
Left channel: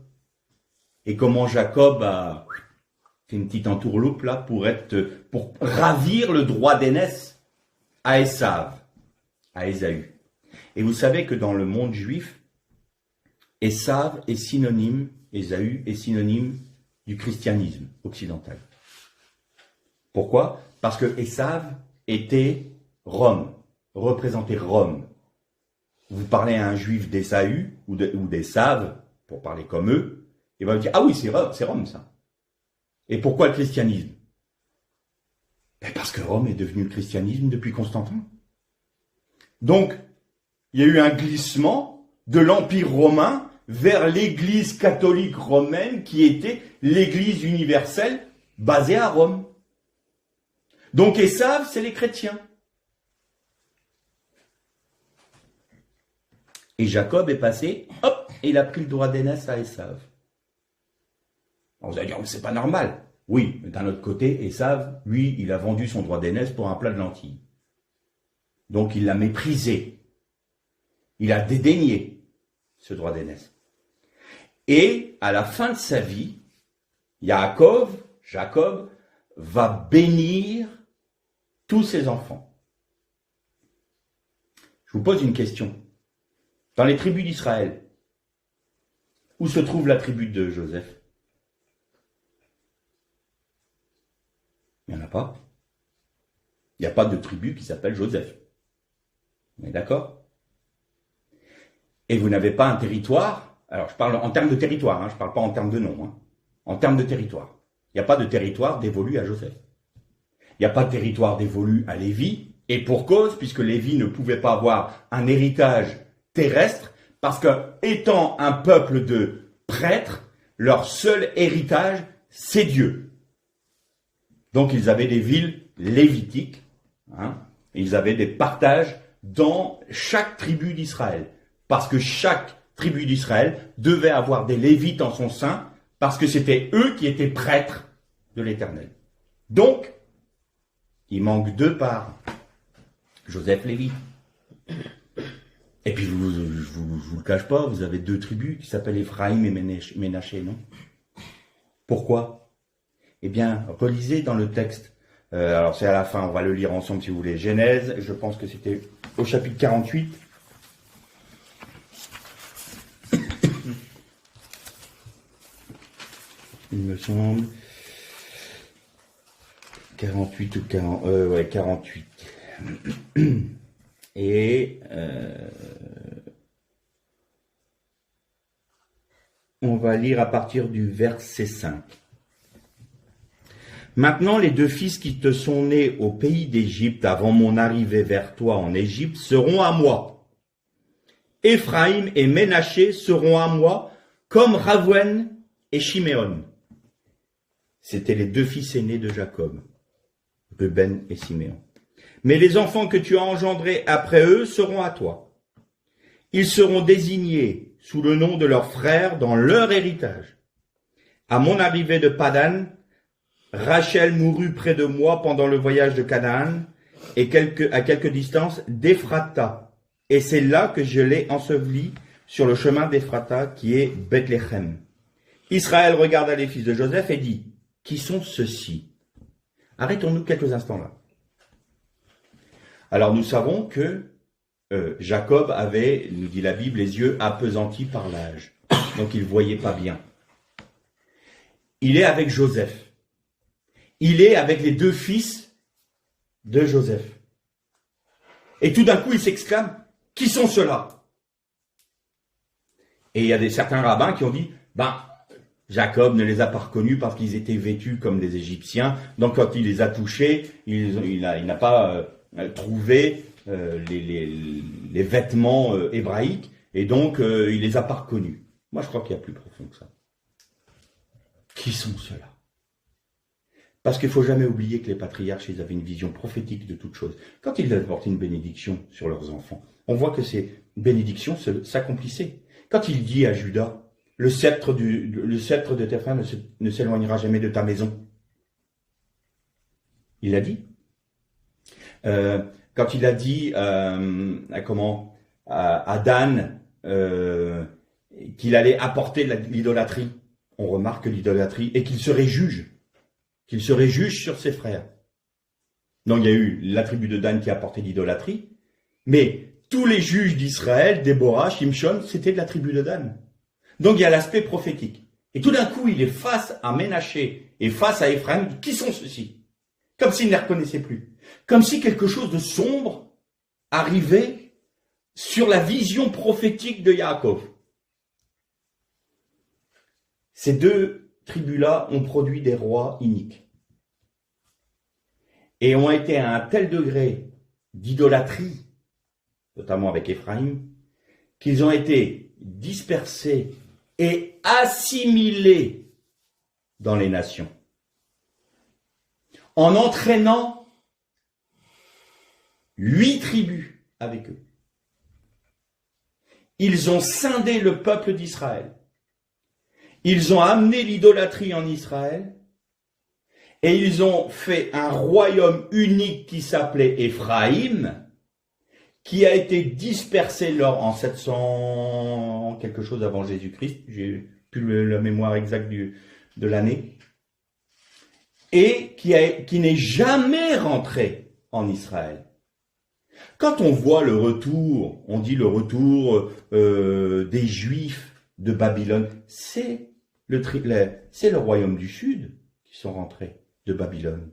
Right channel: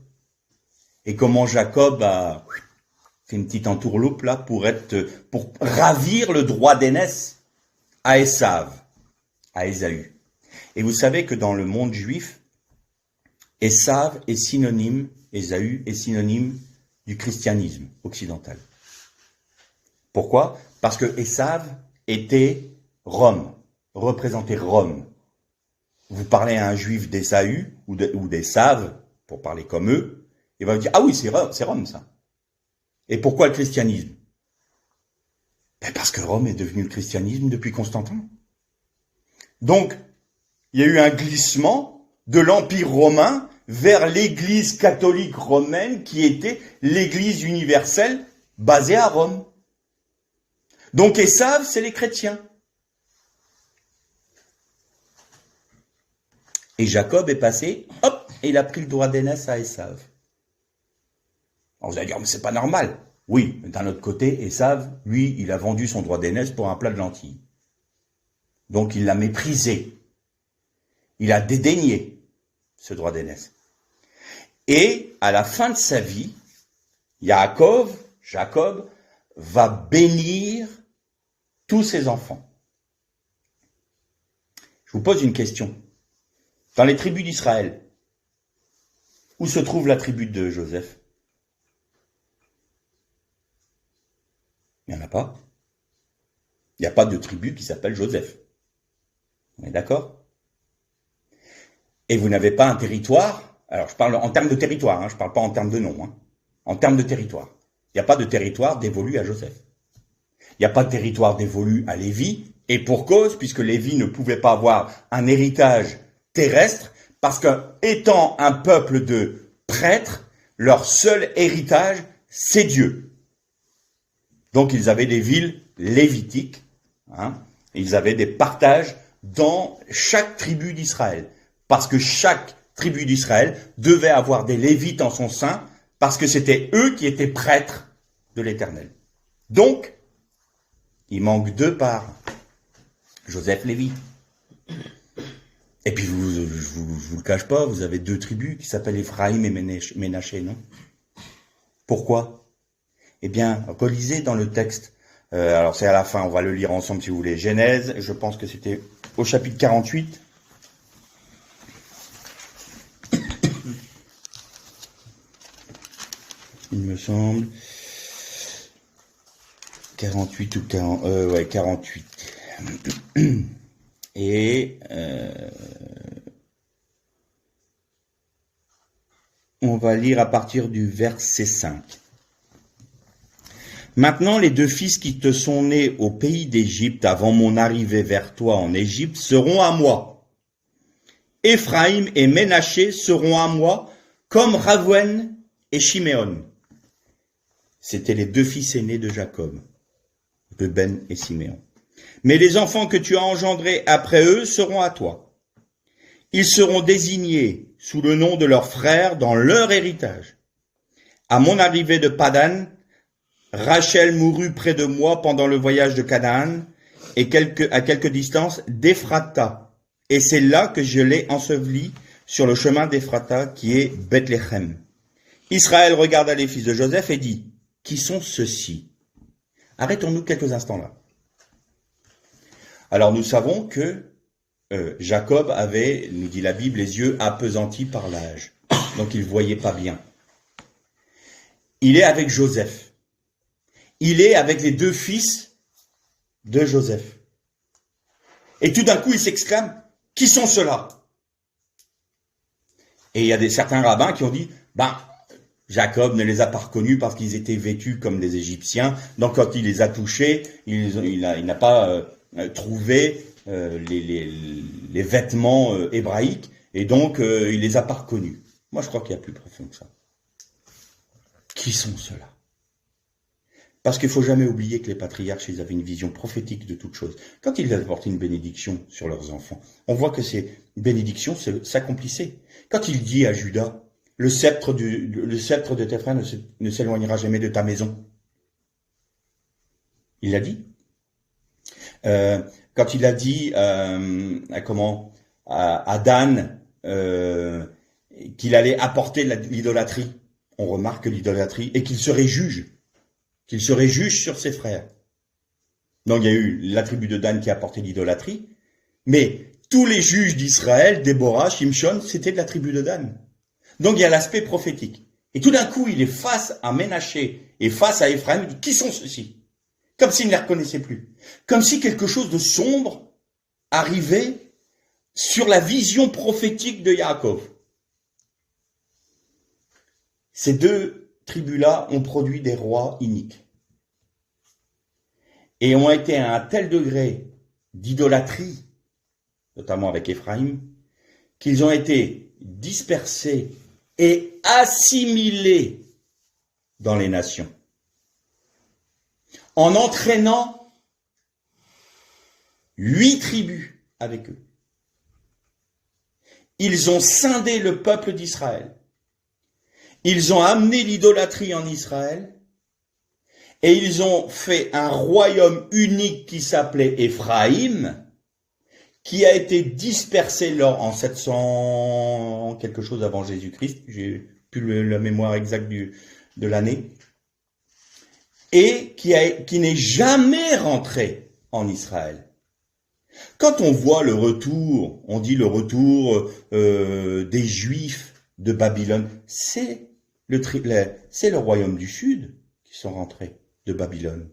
Et comment Jacob a fait une petite entourloupe là pour ravir le droit d'aînesse à Esav, à Ésaü. Et vous savez que dans le monde juif, Esav est synonyme, Ésaü est synonyme du christianisme occidental. Pourquoi? Parce que Esav était Rome, représentait Rome. Vous parlez à un juif d'Ésaü ou d'Esav, pour parler comme eux, il va vous dire « Ah oui, c'est Rome ça ». Et pourquoi le christianisme? Parce que Rome est devenu le christianisme depuis Constantin. Donc, il y a eu un glissement de l'Empire romain vers l'Église catholique romaine qui était l'Église universelle basée à Rome. Donc Esav, c'est les chrétiens. Et Jacob est passé, hop, et il a pris le droit d'aînesse à Esav. Alors vous allez dire, mais c'est pas normal. Oui, mais d'un autre côté, Esav, lui, il a vendu son droit d'aînesse pour un plat de lentilles. Donc il l'a méprisé. Il a dédaigné ce droit d'aînesse. Et à la fin de sa vie, Jacob, va bénir tous ses enfants. Je vous pose une question. Dans les tribus d'Israël, où se trouve la tribu de Joseph? pas. Il n'y a pas de tribu qui s'appelle Joseph. On est d'accord? Et vous n'avez pas un territoire. Alors, je parle en termes de territoire, hein, je ne parle pas en termes de nom. Hein. En termes de territoire. Il n'y a pas de territoire dévolu à Joseph. Il n'y a pas de territoire dévolu à Lévi, et pour cause, puisque Lévi ne pouvait pas avoir un héritage terrestre, parce que, étant un peuple de prêtres, leur seul héritage, c'est Dieu. Donc, ils avaient des villes lévitiques, hein, ils avaient des partages dans chaque tribu d'Israël, parce que chaque tribu d'Israël devait avoir des Lévites en son sein, parce que c'était eux qui étaient prêtres de l'Éternel. Donc, il manque 2 parts. Joseph, Lévi. Et puis, je vous le cache pas, vous avez 2 tribus qui s'appellent Ephraïm et Ménaché, non? Pourquoi? Eh bien, relisez dans le texte. Alors, c'est à la fin, on va le lire ensemble si vous voulez. Genèse, je pense que c'était au chapitre 48. Il me semble. 48 ou 40. Ouais, 48. Et on va lire à partir du verset 5. Maintenant, les 2 fils qui te sont nés au pays d'Égypte avant mon arrivée vers toi en Égypte seront à moi. Éphraïm et Ménaché seront à moi comme Reuven et Shiméon. C'étaient les 2 fils aînés de Jacob, Ruben et Siméon. Mais les enfants que tu as engendrés après eux seront à toi. Ils seront désignés sous le nom de leurs frères dans leur héritage. À mon arrivée de Padan, Rachel mourut près de moi pendant le voyage de Canaan et à quelque distance d'Ephrata. Et c'est là que je l'ai enseveli sur le chemin d'Ephrata qui est Bethléem. Israël regarda les fils de Joseph et dit, « Qui sont ceux-ci » Arrêtons-nous quelques instants là. Alors nous savons que Jacob avait, nous dit la Bible, les yeux appesantis par l'âge. Donc il ne voyait pas bien. Il est avec Joseph. Il est avec les 2 fils de Joseph. Et tout d'un coup, il s'exclame, « Qui sont ceux-là » Et il y a certains rabbins qui ont dit, Jacob ne les a pas reconnus parce qu'ils étaient vêtus comme des Égyptiens. Donc quand il les a touchés, il n'a pas trouvé les vêtements hébraïques. Et donc il les a pas reconnus. Moi je crois qu'il y a plus profond que ça. Qui sont ceux-là? Parce qu'il ne faut jamais oublier que les patriarches, ils avaient une vision prophétique de toutes choses. Quand ils apportaient une bénédiction sur leurs enfants, on voit que ces bénédictions s'accomplissaient. Quand il dit à Judas, le sceptre de tes frères ne s'éloignera jamais de ta maison. Il l'a dit. Quand il a dit à Dan qu'il allait apporter l'idolâtrie, on remarque l'idolâtrie, et qu'il serait juge sur ses frères. Donc il y a eu la tribu de Dan qui a apporté l'idolâtrie, mais tous les juges d'Israël, Déborah, Shimshon, c'était de la tribu de Dan. Donc il y a l'aspect prophétique. Et tout d'un coup, il est face à Ménaché et face à Ephraim. Qui sont ceux-ci? Comme s'il ne les reconnaissait plus. Comme si quelque chose de sombre arrivait sur la vision prophétique de Yaakov. Ces 2 tribus-là ont produit des rois iniques. Et ont été à un tel degré d'idolâtrie, notamment avec Ephraim, qu'ils ont été dispersés et assimilés dans les nations. En entraînant 8 tribus avec eux. Ils ont scindé le peuple d'Israël. Ils ont amené l'idolâtrie en Israël et ils ont fait un royaume unique qui s'appelait Éphraïm, qui a été dispersé en 700 quelque chose avant Jésus-Christ, j'ai plus la mémoire exacte de l'année, et qui n'est jamais rentré en Israël. Quand on voit le retour, on dit le retour des Juifs de Babylone, c'est le royaume du Sud qui sont rentrés de Babylone.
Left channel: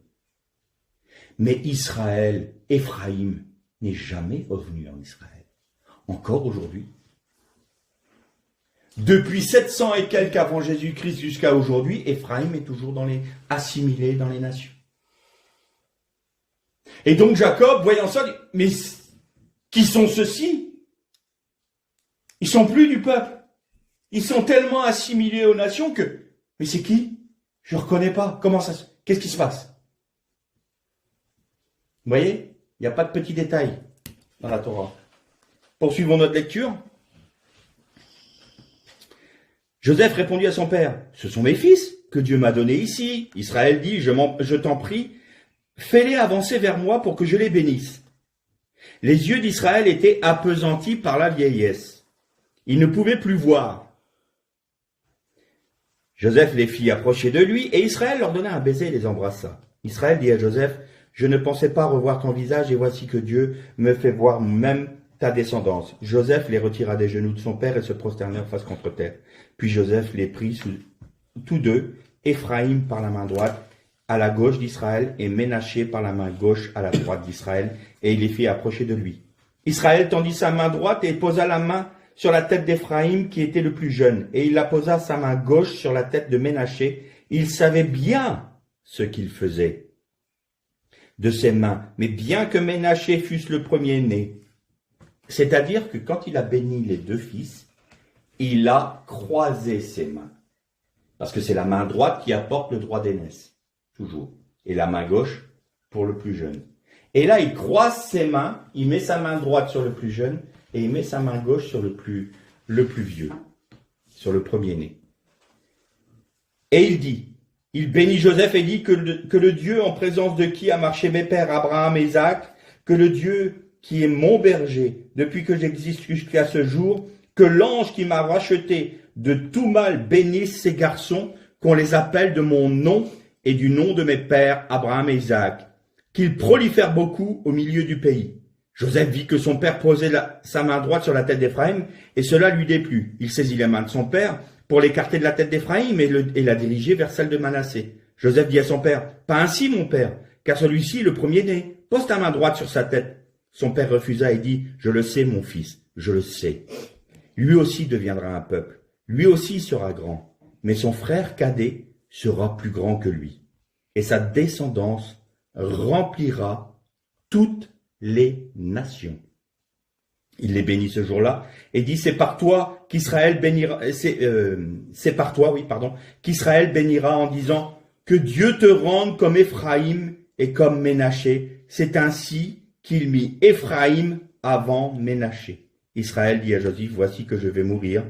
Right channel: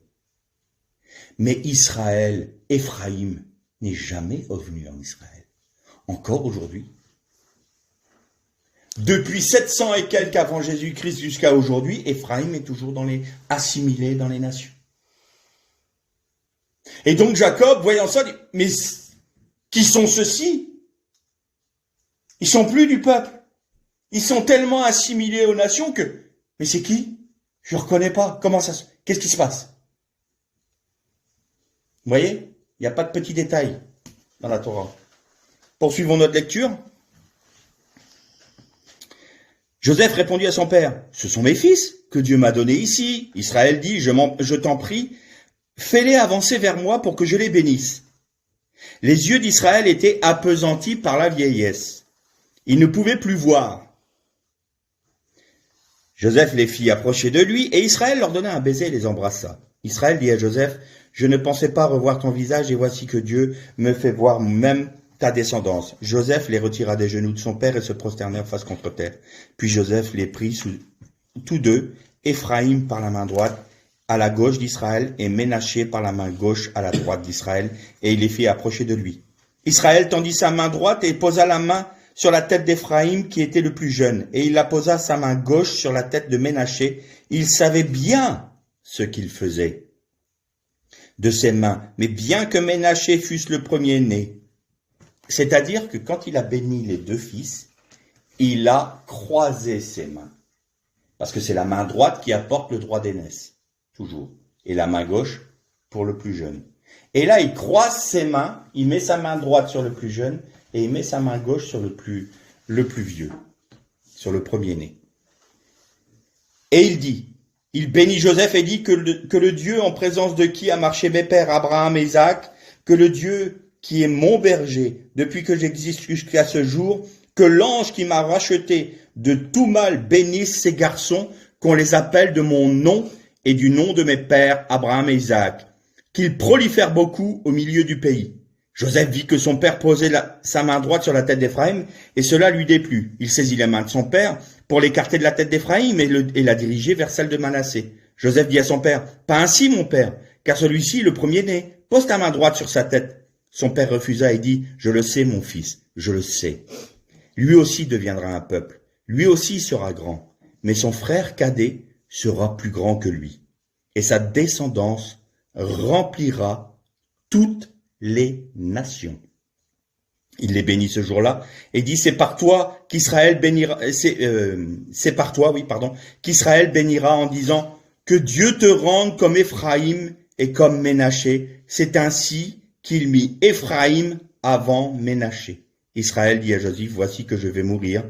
Mais Israël, Éphraïm, n'est jamais revenu en Israël. Encore aujourd'hui. Depuis 700 et quelques avant Jésus-Christ jusqu'à aujourd'hui, Éphraïm est toujours assimilé dans les nations. Et donc Jacob, voyant ça, dit, mais qui sont ceux-ci? Ils sont plus du peuple. Ils sont tellement assimilés aux nations que, mais c'est qui? Je ne reconnais pas. Qu'est-ce qui se passe? Vous voyez? Il n'y a pas de petits détails dans la Torah. Poursuivons notre lecture. Joseph répondit à son père, « Ce sont mes fils que Dieu m'a donnés ici. » Israël dit, « Je t'en prie, fais-les avancer vers moi pour que je les bénisse. » Les yeux d'Israël étaient appesantis par la vieillesse. Il ne pouvait plus voir. Joseph les fit approcher de lui, et Israël leur donna un baiser et les embrassa. Israël dit à Joseph, « Je ne pensais pas revoir ton visage, et voici que Dieu me fait voir même ta descendance. » Joseph les retira des genoux de son père et se prosternèrent face contre terre. Puis Joseph les prit tous deux, Éphraïm par la main droite à la gauche d'Israël et Ménaché par la main gauche à la droite d'Israël, et il les fit approcher de lui. Israël tendit sa main droite et posa la main sur la tête d'Éphraïm qui était le plus jeune, et il la posa sa main gauche sur la tête de Ménaché. Il savait bien ce qu'il faisait de ses mains, mais bien que Ménaché fût le premier-né, c'est-à-dire que quand il a béni les deux fils, il a croisé ses mains. Parce que c'est la main droite qui apporte le droit d'aînesse, toujours. Et la main gauche pour le plus jeune. Et là, il croise ses mains, il met sa main droite sur le plus jeune, et il met sa main gauche sur le plus vieux, sur le premier-né. Et il bénit Joseph et dit que le Dieu en présence de qui a marché mes pères Abraham et Isaac, que le Dieu qui est mon berger depuis que j'existe jusqu'à ce jour, que l'ange qui m'a racheté de tout mal bénisse ces garçons, qu'on les appelle de mon nom et du nom de mes pères Abraham et Isaac, qu'ils prolifèrent beaucoup au milieu du pays. Joseph vit que son père posait sa main droite sur la tête d'Éphraïm, et cela lui déplut. Il saisit la main de son père pour l'écarter de la tête d'Éphraïm et la diriger vers celle de Manassé. Joseph dit à son père, « Pas ainsi, mon père, car celui-ci est le premier-né. Pose ta main droite sur sa tête. » Son père refusa et dit, « Je le sais, mon fils, je le sais. Lui aussi deviendra un peuple, lui aussi sera grand, mais son frère cadet sera plus grand que lui, et sa descendance remplira toutes les nations. » Il les bénit ce jour-là et dit, c'est par toi qu'Israël bénira, qu'Israël bénira en disant, que Dieu te rende comme Éphraïm et comme Ménaché. C'est ainsi qu'il mit Éphraïm avant Ménaché. Israël dit à Joseph, voici que je vais mourir,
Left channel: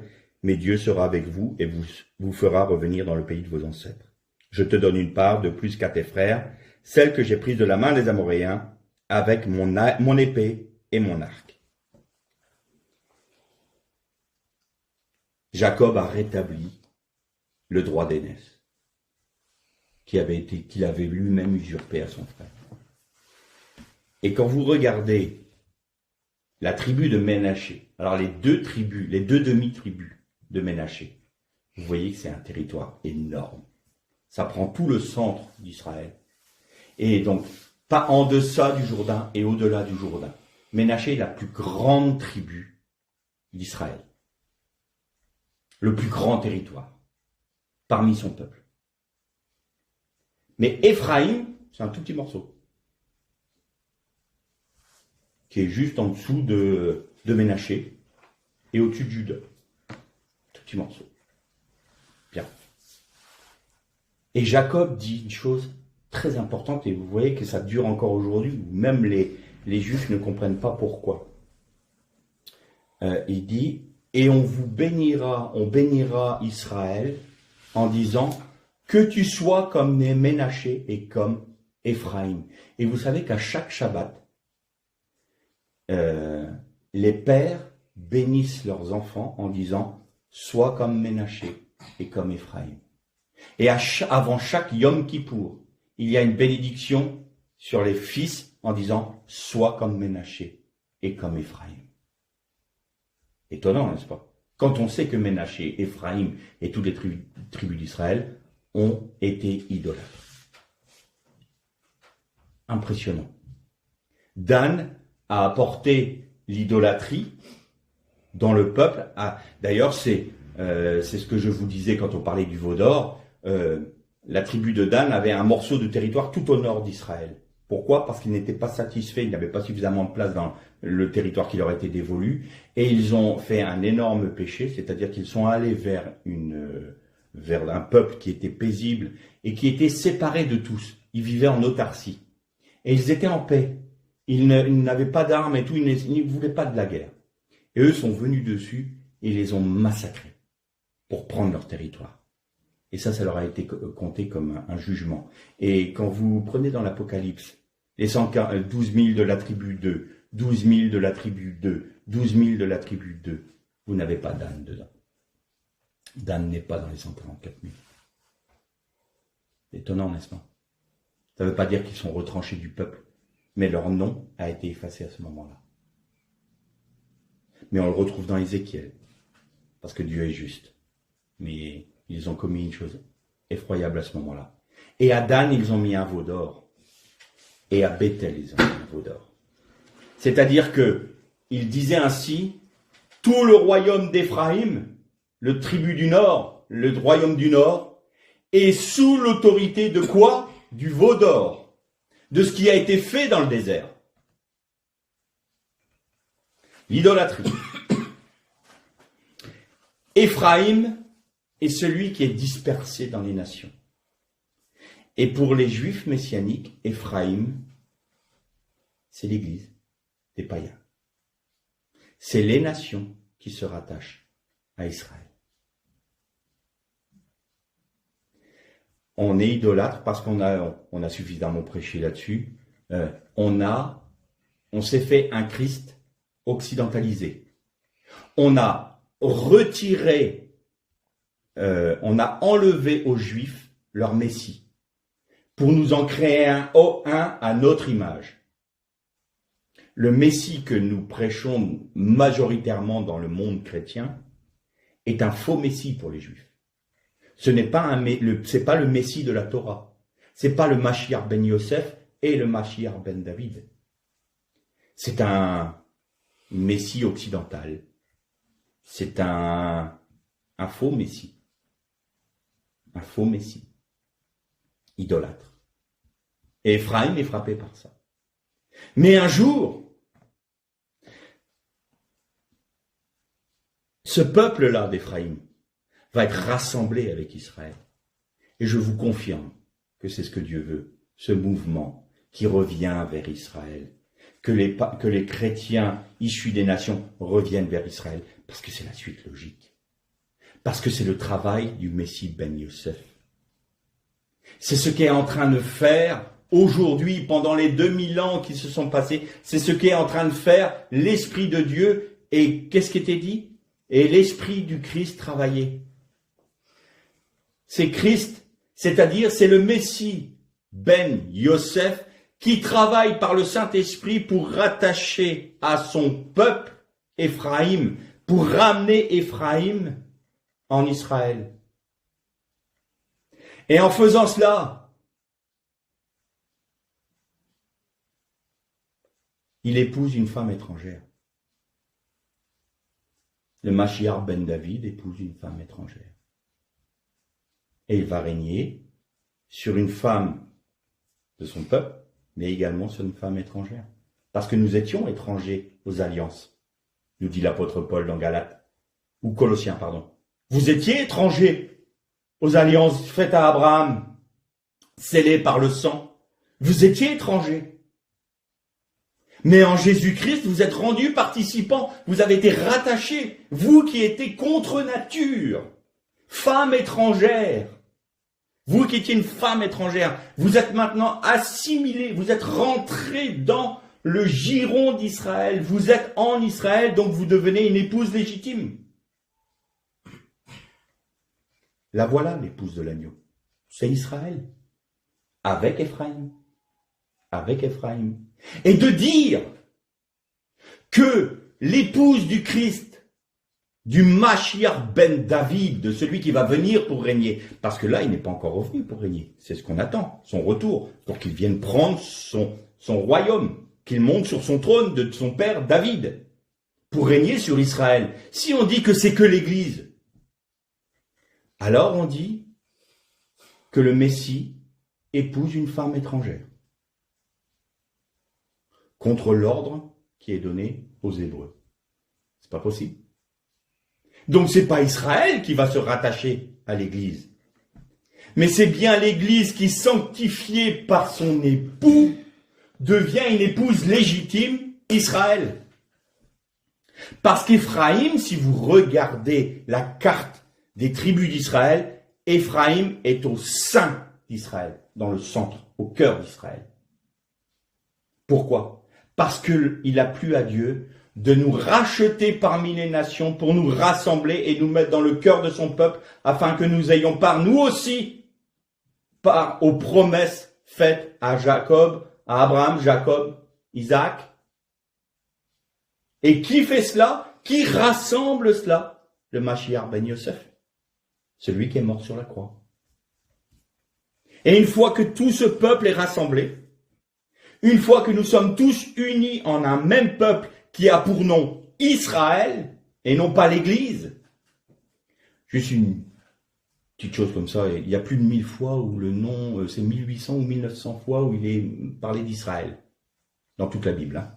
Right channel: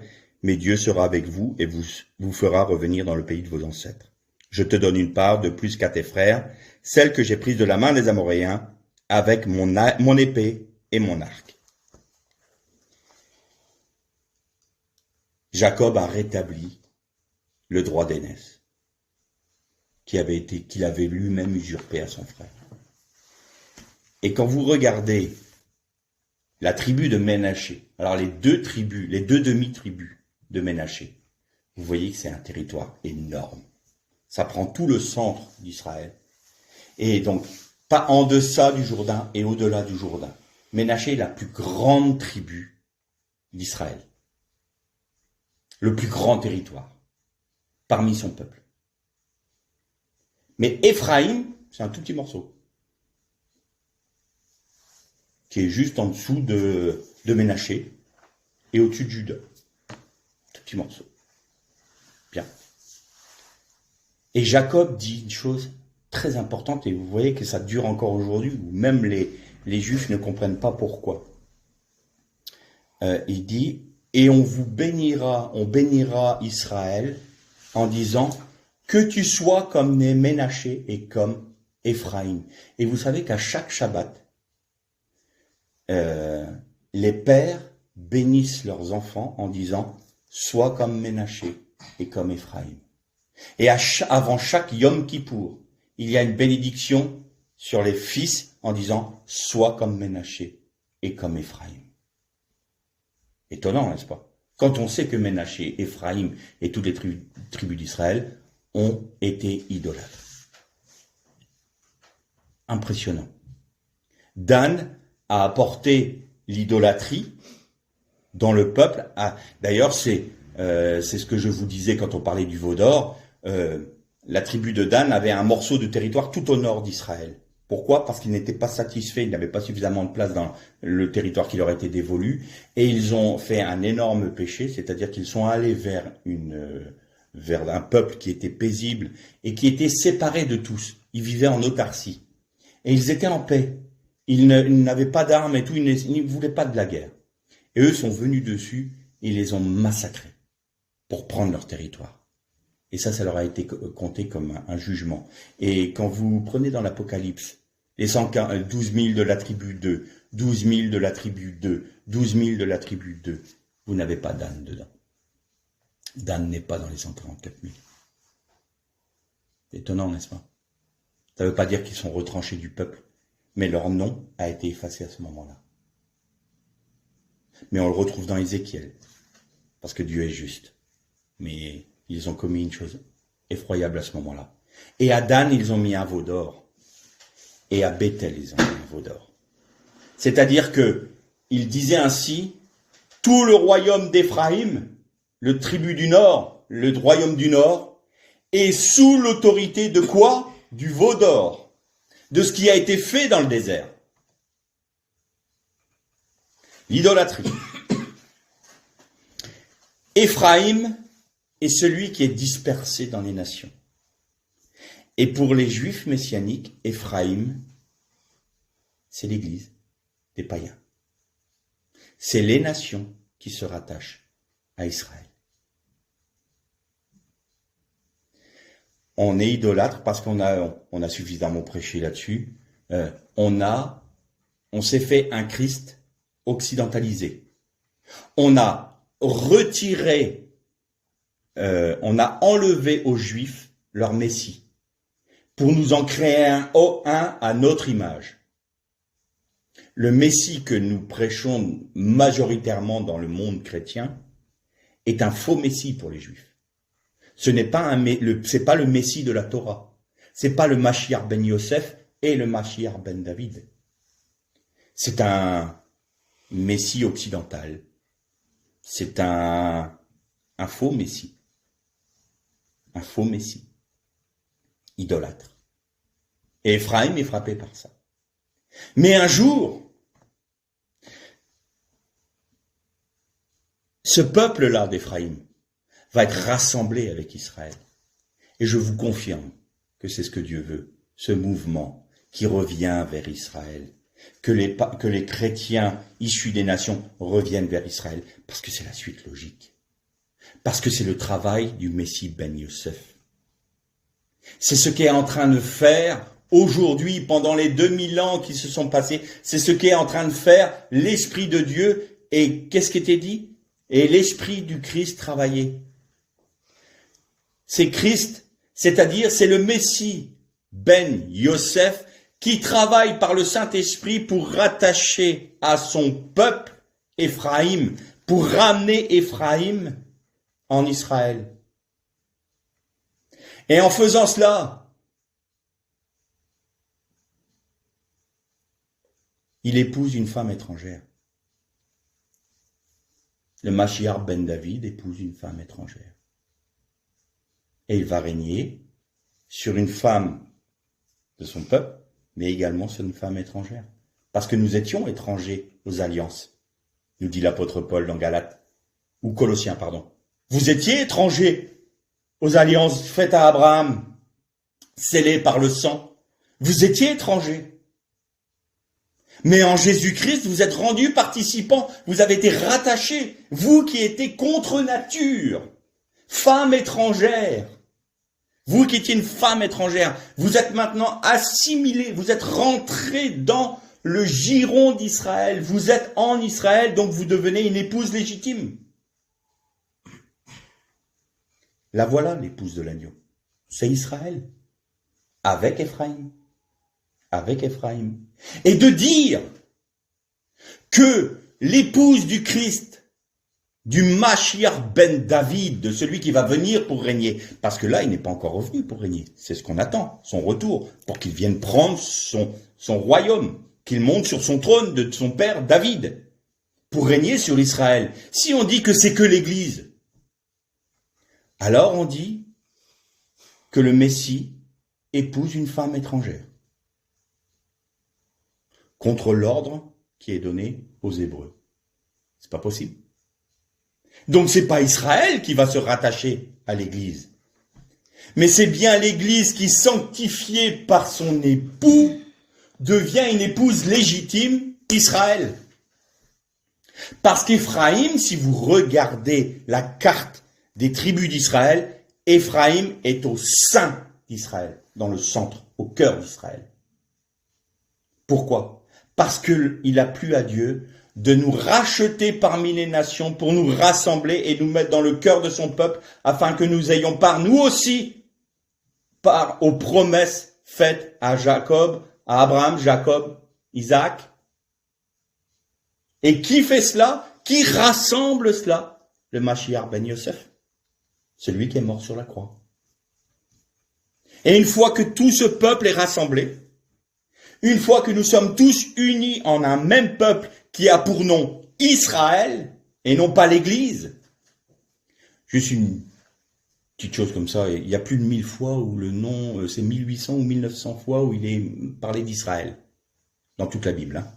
mais Dieu sera avec vous et vous fera revenir dans le pays de vos ancêtres. Je te donne une part de plus qu'à tes frères, celle que j'ai prise de la main des Amoréens, avec mon épée et mon arc. Jacob a rétabli le droit d'aînesse qu'il avait lui-même usurpé à son frère. Et quand vous regardez la tribu de Ménaché, alors les deux demi-tribus de Ménaché, vous voyez que c'est un territoire énorme. Ça prend tout le centre d'Israël. Et donc, pas en deçà du Jourdain et au-delà du Jourdain. Ménaché est la plus grande tribu d'Israël. Le plus grand territoire parmi son peuple. Mais Éphraïm, c'est un tout petit morceau qui est juste en dessous de Ménaché et au-dessus de Juda. Tout petit morceau. Bien. Et Jacob dit une chose très importante, et vous voyez que ça dure encore aujourd'hui, où même les Juifs ne comprennent pas pourquoi. Il dit, et on bénira Israël en disant que tu sois comme Ménaché et comme Éphraïm. Et vous savez qu'à chaque Shabbat, les pères bénissent leurs enfants en disant sois comme Ménaché et comme Éphraïm. Et avant chaque Yom Kippour, il y a une bénédiction sur les fils en disant sois comme Ménaché et comme Éphraïm. Étonnant, n'est-ce pas? Quand on sait que Ménaché, Éphraïm et toutes les tribus d'Israël ont été idolâtres. impressionnant. Dan a apporté l'idolâtrie dans le peuple. D'ailleurs, c'est ce que je vous disais quand on parlait du veau d'or. La tribu de Dan avait un morceau de territoire tout au nord d'Israël. Pourquoi? Parce qu'ils n'étaient pas satisfaits, ils n'avaient pas suffisamment de place dans le territoire qui leur était dévolu, et ils ont fait un énorme péché, c'est-à-dire qu'ils sont allés vers un peuple qui était paisible et qui était séparé de tous. Ils vivaient en autarcie. Et ils étaient en paix. Ils n'avaient pas d'armes et tout, ils ne voulaient pas de la guerre. Et eux sont venus dessus et les ont massacrés pour prendre leur territoire. Et ça leur a été compté comme un jugement. Et quand vous prenez dans l'Apocalypse, les 12 000 de la tribu 2, 12 000 de la tribu 2, 12 000 de la tribu 2, vous n'avez pas Dan dedans. Dan n'est pas dans les 144 000. C'est étonnant, n'est-ce pas? Ça ne veut pas dire qu'ils sont retranchés du peuple, mais leur nom a été effacé à ce moment-là. Mais on le retrouve dans Ézéchiel, parce que Dieu est juste. Mais ils ont commis une chose effroyable à ce moment-là. Et à Dan, ils ont mis un veau d'or. Et à Bethel, ils ont mis un veau d'or. C'est-à-dire que, il disait ainsi, tout le royaume d'Éphraïm, le tribu du Nord, le royaume du Nord, est sous l'autorité de quoi? Du veau d'or. De ce qui a été fait dans le désert. L'idolâtrie. Éphraïm est celui qui est dispersé dans les nations. Et pour les Juifs messianiques, Éphraïm, c'est l'Église des païens. C'est les nations qui se rattachent à Israël. On est idolâtre parce qu'on a suffisamment prêché là-dessus. On s'est fait un Christ occidentalisé. On a retiré, on a enlevé aux Juifs leur Messie pour nous en créer un à notre image. Le Messie que nous prêchons majoritairement dans le monde chrétien est un faux Messie pour les Juifs. Ce n'est pas c'est pas le Messie de la Torah. C'est pas le Mashiach ben Yosef et le Mashiach ben David. C'est un Messie occidental. C'est un faux Messie. Un faux Messie. Idolâtre. Et Éphraïm est frappé par ça. Mais un jour, ce peuple-là d'Éphraïm va être rassemblé avec Israël. Et je vous confirme que c'est ce que Dieu veut, ce mouvement qui revient vers Israël, que les chrétiens issus des nations reviennent vers Israël, parce que c'est la suite logique, parce que c'est le travail du Messie ben Yosef. C'est ce qu'est en train de faire aujourd'hui, pendant les 2000 ans qui se sont passés, c'est ce qu'est en train de faire l'Esprit de Dieu, et qu'est-ce qui était dit? Et l'Esprit du Christ travaillait. C'est Christ, c'est-à-dire c'est le Messie ben Yosef qui travaille par le Saint-Esprit pour rattacher à son peuple Éphraïm, pour ramener Éphraïm en Israël. Et en faisant cela, il épouse une femme étrangère. Le Mashiach ben David épouse une femme étrangère. Et il va régner sur une femme de son peuple, mais également sur une femme étrangère. Parce que nous étions étrangers aux alliances, nous dit l'apôtre Paul dans Galates, ou Colossiens, pardon. Vous étiez étrangers aux alliances faites à Abraham, scellées par le sang. Vous étiez étrangers. Mais en Jésus-Christ, vous êtes rendus participants, vous avez été rattachés, vous qui étiez contre nature, femme étrangère. Vous qui étiez une femme étrangère, vous êtes maintenant assimilés, vous êtes rentrés dans le giron d'Israël, vous êtes en Israël, donc vous devenez une épouse légitime. La voilà, l'épouse de l'agneau. C'est Israël, avec Éphraïm. Avec Éphraïm. Et de dire que l'épouse du Christ du Mashiach ben David, de celui qui va venir pour régner. Parce que là, il n'est pas encore revenu pour régner. C'est ce qu'on attend, son retour, pour qu'il vienne prendre son royaume, qu'il monte sur son trône de son père David, pour régner sur l'Israël. Si on dit que c'est que l'Église, alors on dit que le Messie épouse une femme étrangère, contre l'ordre qui est donné aux Hébreux. C'est pas possible. Donc c'est pas Israël qui va se rattacher à l'Église, mais c'est bien l'Église qui, sanctifiée par son époux, devient une épouse légitime d'Israël. Parce qu'Éphraïm, si vous regardez la carte des tribus d'Israël, Éphraïm est au sein d'Israël, dans le centre, au cœur d'Israël. Pourquoi? Parce qu'il a plu à Dieu de nous racheter parmi les nations pour nous rassembler et nous mettre dans le cœur de son peuple afin que nous ayons part, nous aussi, part aux promesses faites à Jacob, à Abraham, Jacob, Isaac. Et qui fait cela? Qui rassemble cela? Le Mashiach ben Yosef, celui qui est mort sur la croix. Et une fois que tout ce peuple est rassemblé, une fois que nous sommes tous unis en un même peuple qui a pour nom Israël, et non pas l'Église, juste une petite chose comme ça, il y a plus de 1000 fois où le nom, c'est 1800 ou 1900 fois où il est parlé d'Israël, dans toute la Bible, hein,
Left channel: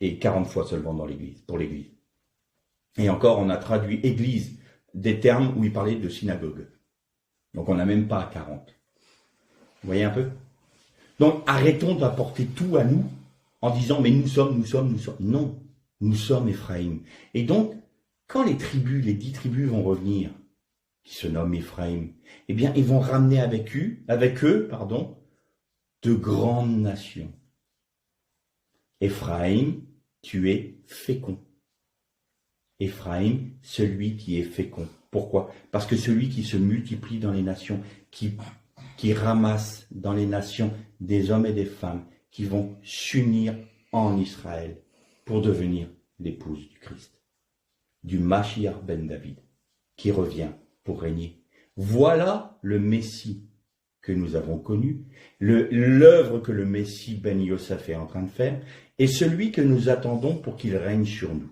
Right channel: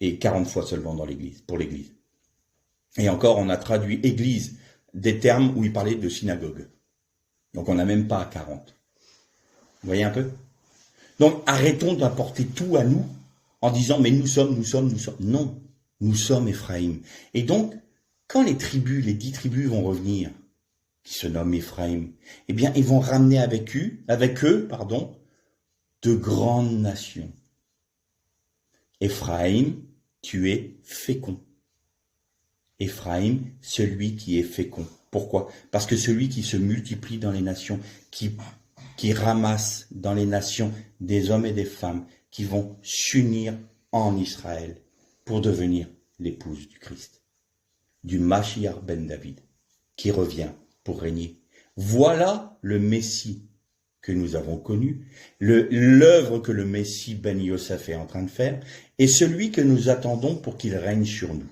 et 40 fois seulement dans l'Église, pour l'Église. Et encore, on a traduit Église des termes où il parlait de synagogue. Donc on n'a même pas à 40. Vous voyez un peu? Donc arrêtons d'apporter tout à nous en disant mais nous sommes. Non, nous sommes Éphraïm. Et donc, quand les 10 tribus vont revenir, qui se nomment Éphraïm, eh bien ils vont ramener avec eux, de grandes nations. Éphraïm, tu es fécond. Éphraïm, celui qui est fécond. Pourquoi? Parce que celui qui se multiplie dans les nations, qui ramasse dans les nations des hommes et des femmes qui vont s'unir en Israël pour devenir l'épouse du Christ, du Mashiach ben David, qui revient pour régner. Voilà le Messie que nous avons connu, l'œuvre que le Messie ben Yosef est en train de faire, et celui que nous attendons pour qu'il règne sur nous.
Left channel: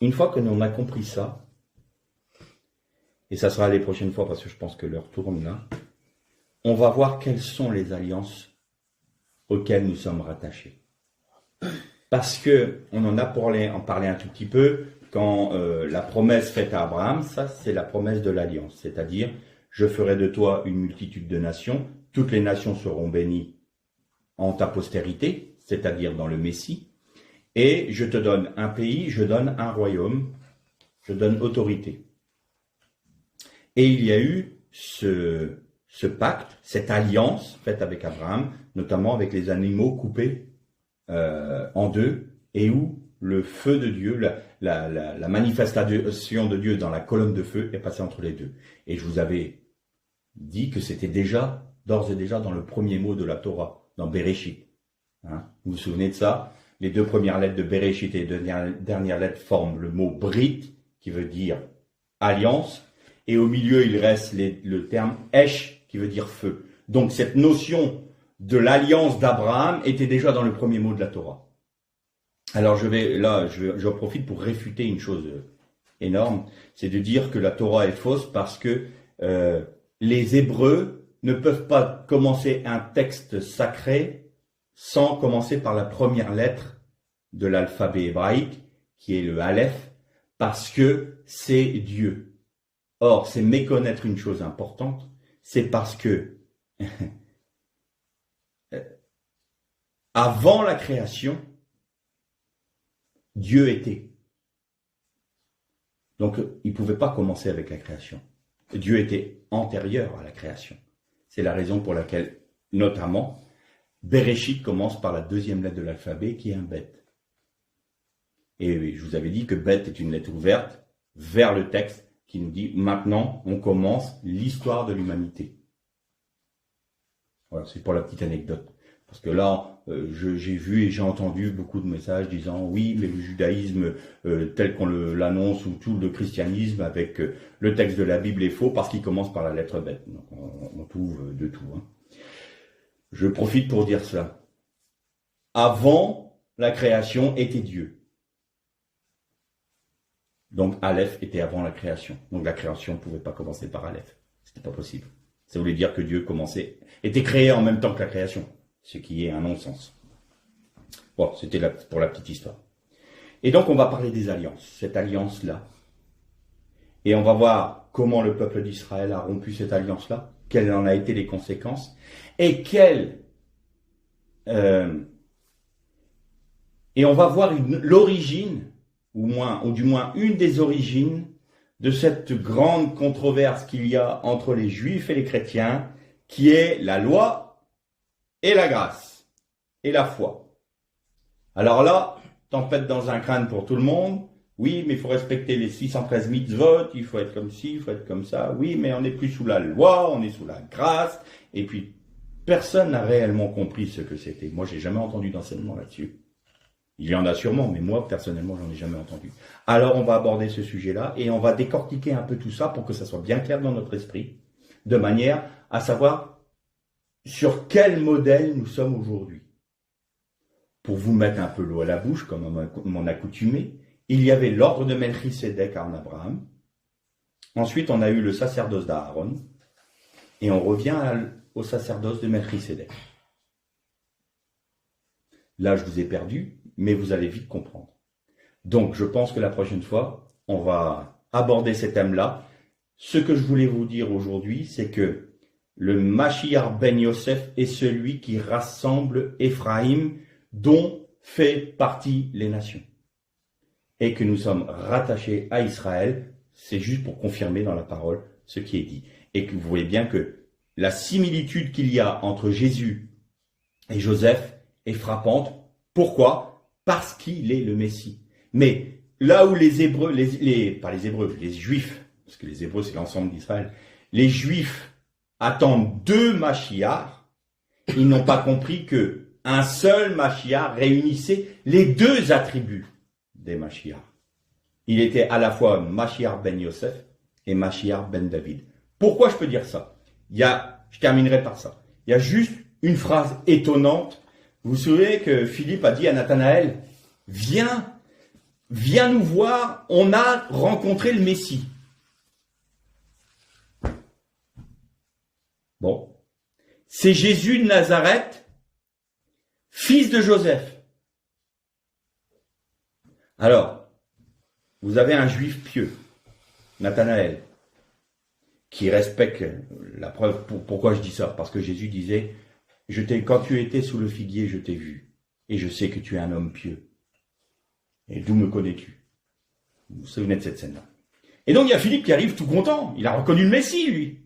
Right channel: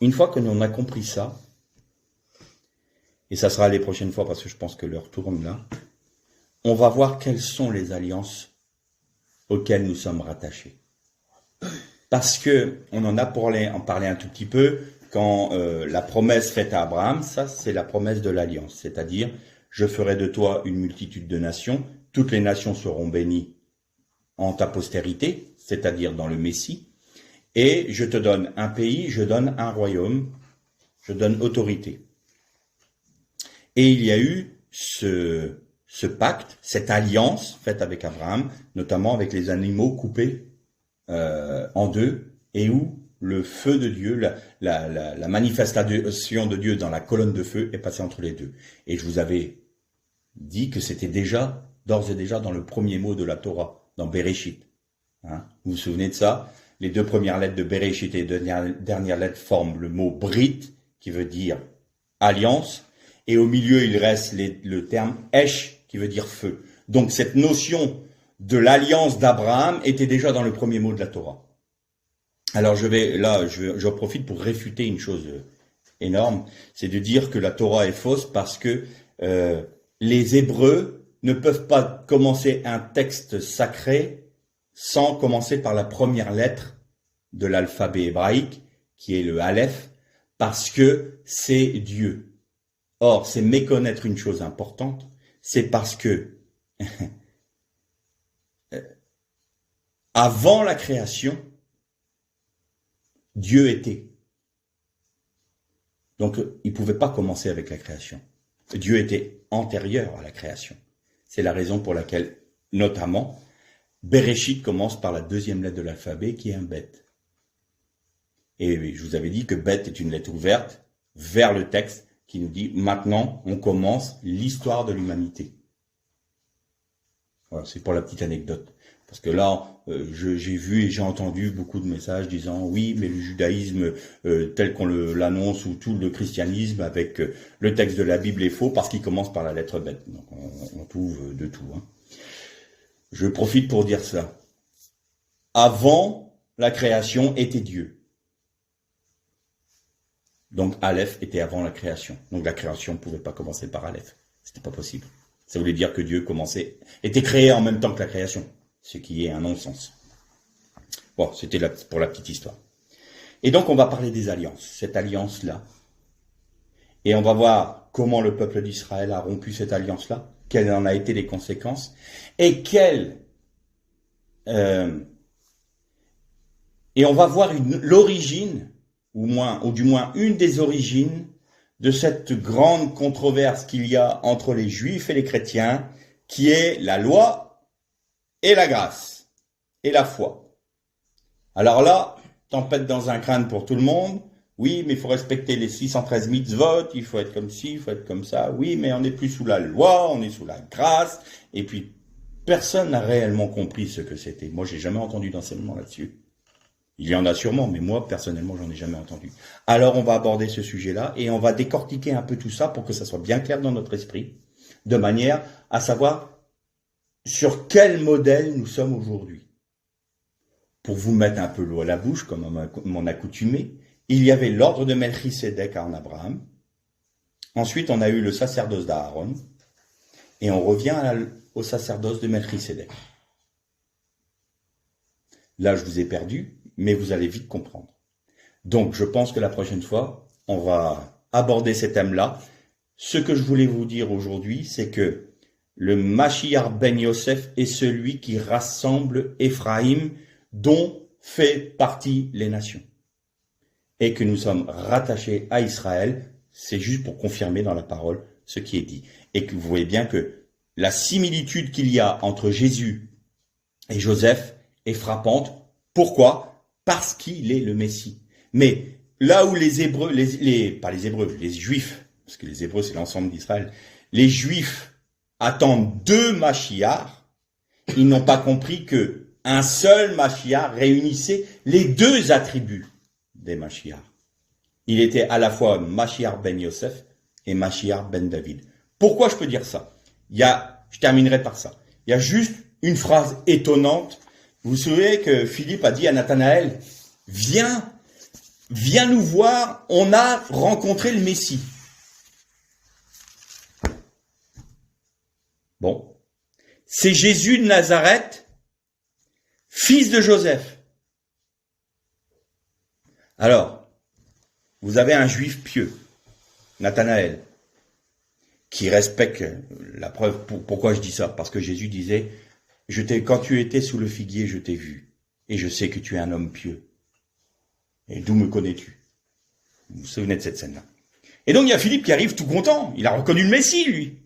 Une fois que l'on a compris ça, et ça sera les prochaines fois parce que je pense que l'heure tourne là, on va voir quelles sont les alliances auxquelles nous sommes rattachés. Parce que on en parlé un tout petit peu quand la promesse faite à Abraham, ça c'est la promesse de l'alliance, c'est-à-dire je ferai de toi une multitude de nations, toutes les nations seront bénies en ta postérité, c'est-à-dire dans le Messie, et je te donne un pays, je donne un royaume, je donne autorité. Et il y a eu ce pacte, cette alliance faite avec Abraham, notamment avec les animaux coupés en deux, et où le feu de Dieu, la manifestation de Dieu dans la colonne de feu est passée entre les deux. Et je vous avais dit que c'était d'ores et déjà dans le premier mot de la Torah, dans Bereshit. Hein, vous vous souvenez de ça? Les 2 premières lettres de Bereshit et les 2 dernières lettres forment le mot Brit, qui veut dire alliance, et au milieu il reste le terme Esh, qui veut dire feu. Donc cette notion de l'alliance d'Abraham était déjà dans le premier mot de la Torah. Alors je profite pour réfuter une chose énorme, c'est de dire que la Torah est fausse parce que les Hébreux ne peuvent pas commencer un texte sacré sans commencer par la première lettre de l'alphabet hébraïque, qui est le Aleph, parce que c'est Dieu. Or, c'est méconnaître une chose importante, c'est parce que avant la création, Dieu était. Donc, il ne pouvait pas commencer avec la création. Dieu était antérieur à la création. C'est la raison pour laquelle, notamment, Bereshit commence par la 2e lettre de l'alphabet, qui est un bet. Et je vous avais dit que bet est une lettre ouverte vers le texte qui nous dit maintenant on commence l'histoire de l'humanité. Voilà, c'est pour la petite anecdote. Parce que là, j'ai vu et j'ai entendu beaucoup de messages disant oui, mais le judaïsme tel qu'on l'annonce ou tout le christianisme avec le texte de la Bible est faux parce qu'il commence par la lettre bête. Donc on trouve de tout. Hein. Je profite pour dire ça. Avant la création était Dieu. Donc Aleph était avant la création. Donc la création ne pouvait pas commencer par Aleph. C'était pas possible. Ça voulait dire que Dieu était créé en même temps que la création. Ce qui est un non-sens. Bon, c'était pour la petite histoire. Et donc, on va parler des alliances, cette alliance-là. Et on va voir comment le peuple d'Israël a rompu cette alliance-là, quelles en ont été les conséquences, et et on va voir l'origine, ou du moins une des origines, de cette grande controverse qu'il y a entre les Juifs et les chrétiens, qui est la loi et la grâce, et la foi. Alors là, tempête dans un crâne pour tout le monde. Oui, mais il faut respecter les 613 mitzvot, il faut être comme ci, il faut être comme ça. Oui, mais on n'est plus sous la loi, on est sous la grâce. Et puis, personne n'a réellement compris ce que c'était. Moi, j'ai jamais entendu d'enseignement là-dessus. Il y en a sûrement, mais moi, personnellement, j'en ai jamais entendu. Alors, on va aborder ce sujet-là et on va décortiquer un peu tout ça pour que ça soit bien clair dans notre esprit, de manière à savoir sur quel modèle nous sommes aujourd'hui. Pour vous mettre un peu l'eau à la bouche, comme mon accoutumé, il y avait l'ordre de Melchisédek en Abraham. Ensuite, on a eu le sacerdoce d'Aaron. Et on revient au sacerdoce de Melchisédek. Là, je vous ai perdu, mais vous allez vite comprendre. Donc, je pense que la prochaine fois, on va aborder ces thèmes-là. Ce que je voulais vous dire aujourd'hui, c'est que le Mashiach ben Yosef est celui qui rassemble Éphraïm, dont fait partie les nations. Et que nous sommes rattachés à Israël, c'est juste pour confirmer dans la parole ce qui est dit. Et que vous voyez bien que la similitude qu'il y a entre Jésus et Joseph est frappante. Pourquoi? Parce qu'il est le Messie. Mais là où les Hébreux, pas les Hébreux, les Juifs, parce que les Hébreux c'est l'ensemble d'Israël, les Juifs attendent deux Mashiach, ils n'ont pas compris que un seul Mashiach réunissait les deux attributs des Mashiach. Il était à la fois Mashiach ben Yosef et Mashiach ben David. Pourquoi je peux dire ça? Je terminerai par ça. Il y a juste une phrase étonnante. Vous vous souvenez que Philippe a dit à Nathanaël, viens nous voir, on a rencontré le Messie. Bon, c'est Jésus de Nazareth, fils de Joseph. Alors, vous avez un juif pieux, Nathanaël, qui respecte la preuve. Pourquoi je dis ça? Parce que Jésus disait, quand tu étais sous le figuier, je t'ai vu, et je sais que tu es un homme pieux. Et d'où me connais-tu? Vous vous souvenez de cette scène-là. Et donc il y a Philippe qui arrive tout content, il a reconnu le Messie, lui.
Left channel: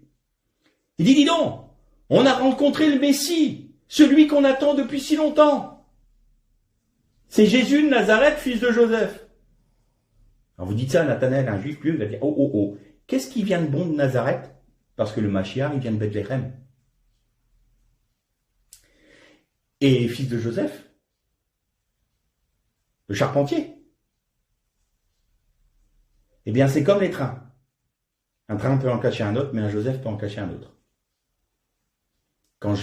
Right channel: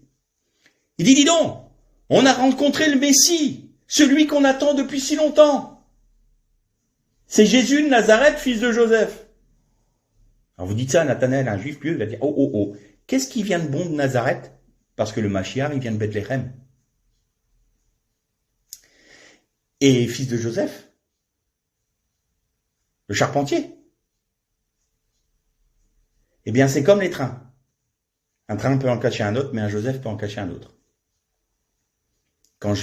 Il dit, dis donc, on a rencontré le Messie, celui qu'on attend depuis si longtemps. C'est Jésus de Nazareth, fils de Joseph. Alors vous dites ça à Nathanaël, un juif pieux, il va dire, oh, qu'est-ce qui vient de bon de Nazareth? Parce que le Mashiach, il vient de Bethléem. Et fils de Joseph, le charpentier. Eh bien, c'est comme les trains. Un train peut en cacher un autre, mais un Joseph peut en cacher un autre. Quand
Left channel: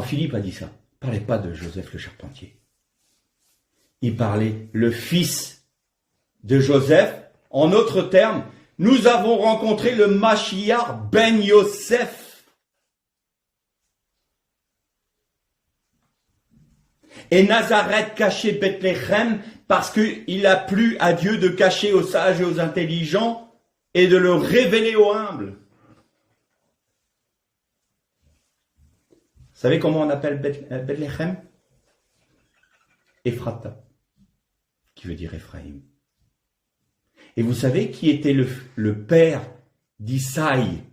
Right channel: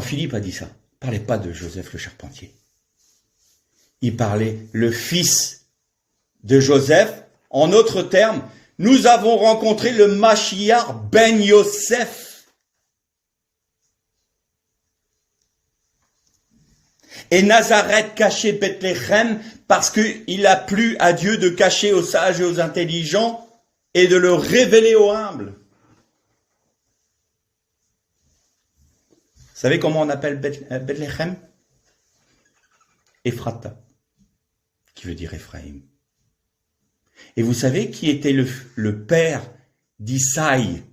Philippe a dit ça, il ne parlait pas de Joseph le charpentier. Il parlait le fils de Joseph. En d'autres termes, nous avons rencontré le Mashiach ben Yosef. Et Nazareth cachait Bethléem parce qu'il a plu à Dieu de cacher aux sages et aux intelligents et de le révéler aux humbles. Vous savez comment on appelle Bethléem? Ephrata, qui veut dire Ephraïm. Et vous savez qui était le père d'Isaïe,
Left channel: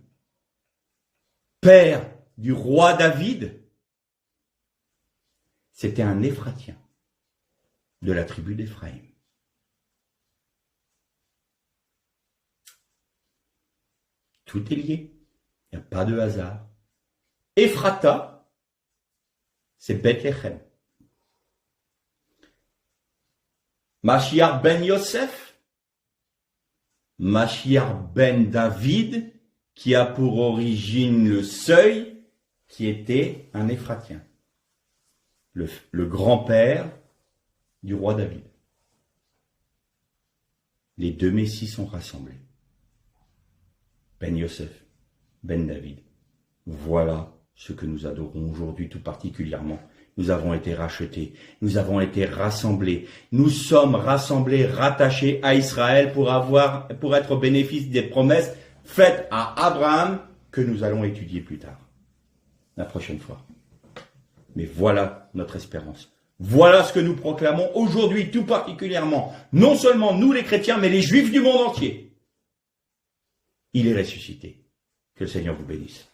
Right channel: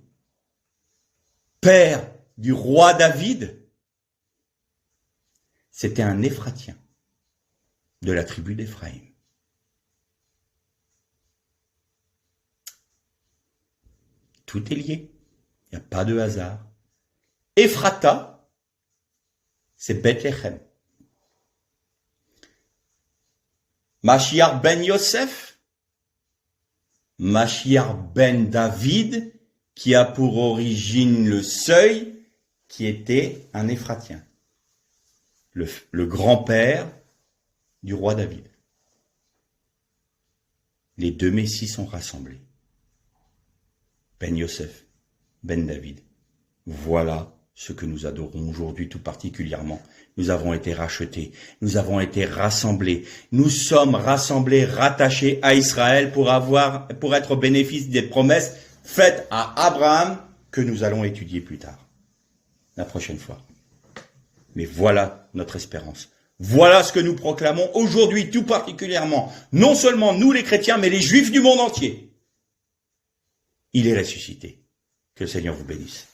père du roi David? C'était un Éphratien de la tribu d'Éphraïm. Tout est lié, il n'y a pas de hasard. Ephrata, c'est Bethléem. Mashiach ben Yosef, Mashiach ben David, qui a pour origine le seuil, qui était un Éphratien, le grand-père du roi David. Les deux messies sont rassemblés. Ben Yosef, Ben David. Voilà ce que nous adorons aujourd'hui tout particulièrement. Nous avons été rachetés, nous avons été rassemblés, nous sommes rassemblés, rattachés à Israël pour être au bénéfice des promesses faites à Abraham que nous allons étudier plus tard, la prochaine fois. Mais voilà notre espérance. Voilà ce que nous proclamons aujourd'hui tout particulièrement, non seulement nous les chrétiens, mais les juifs du monde entier. Il est ressuscité. Que le Seigneur vous bénisse.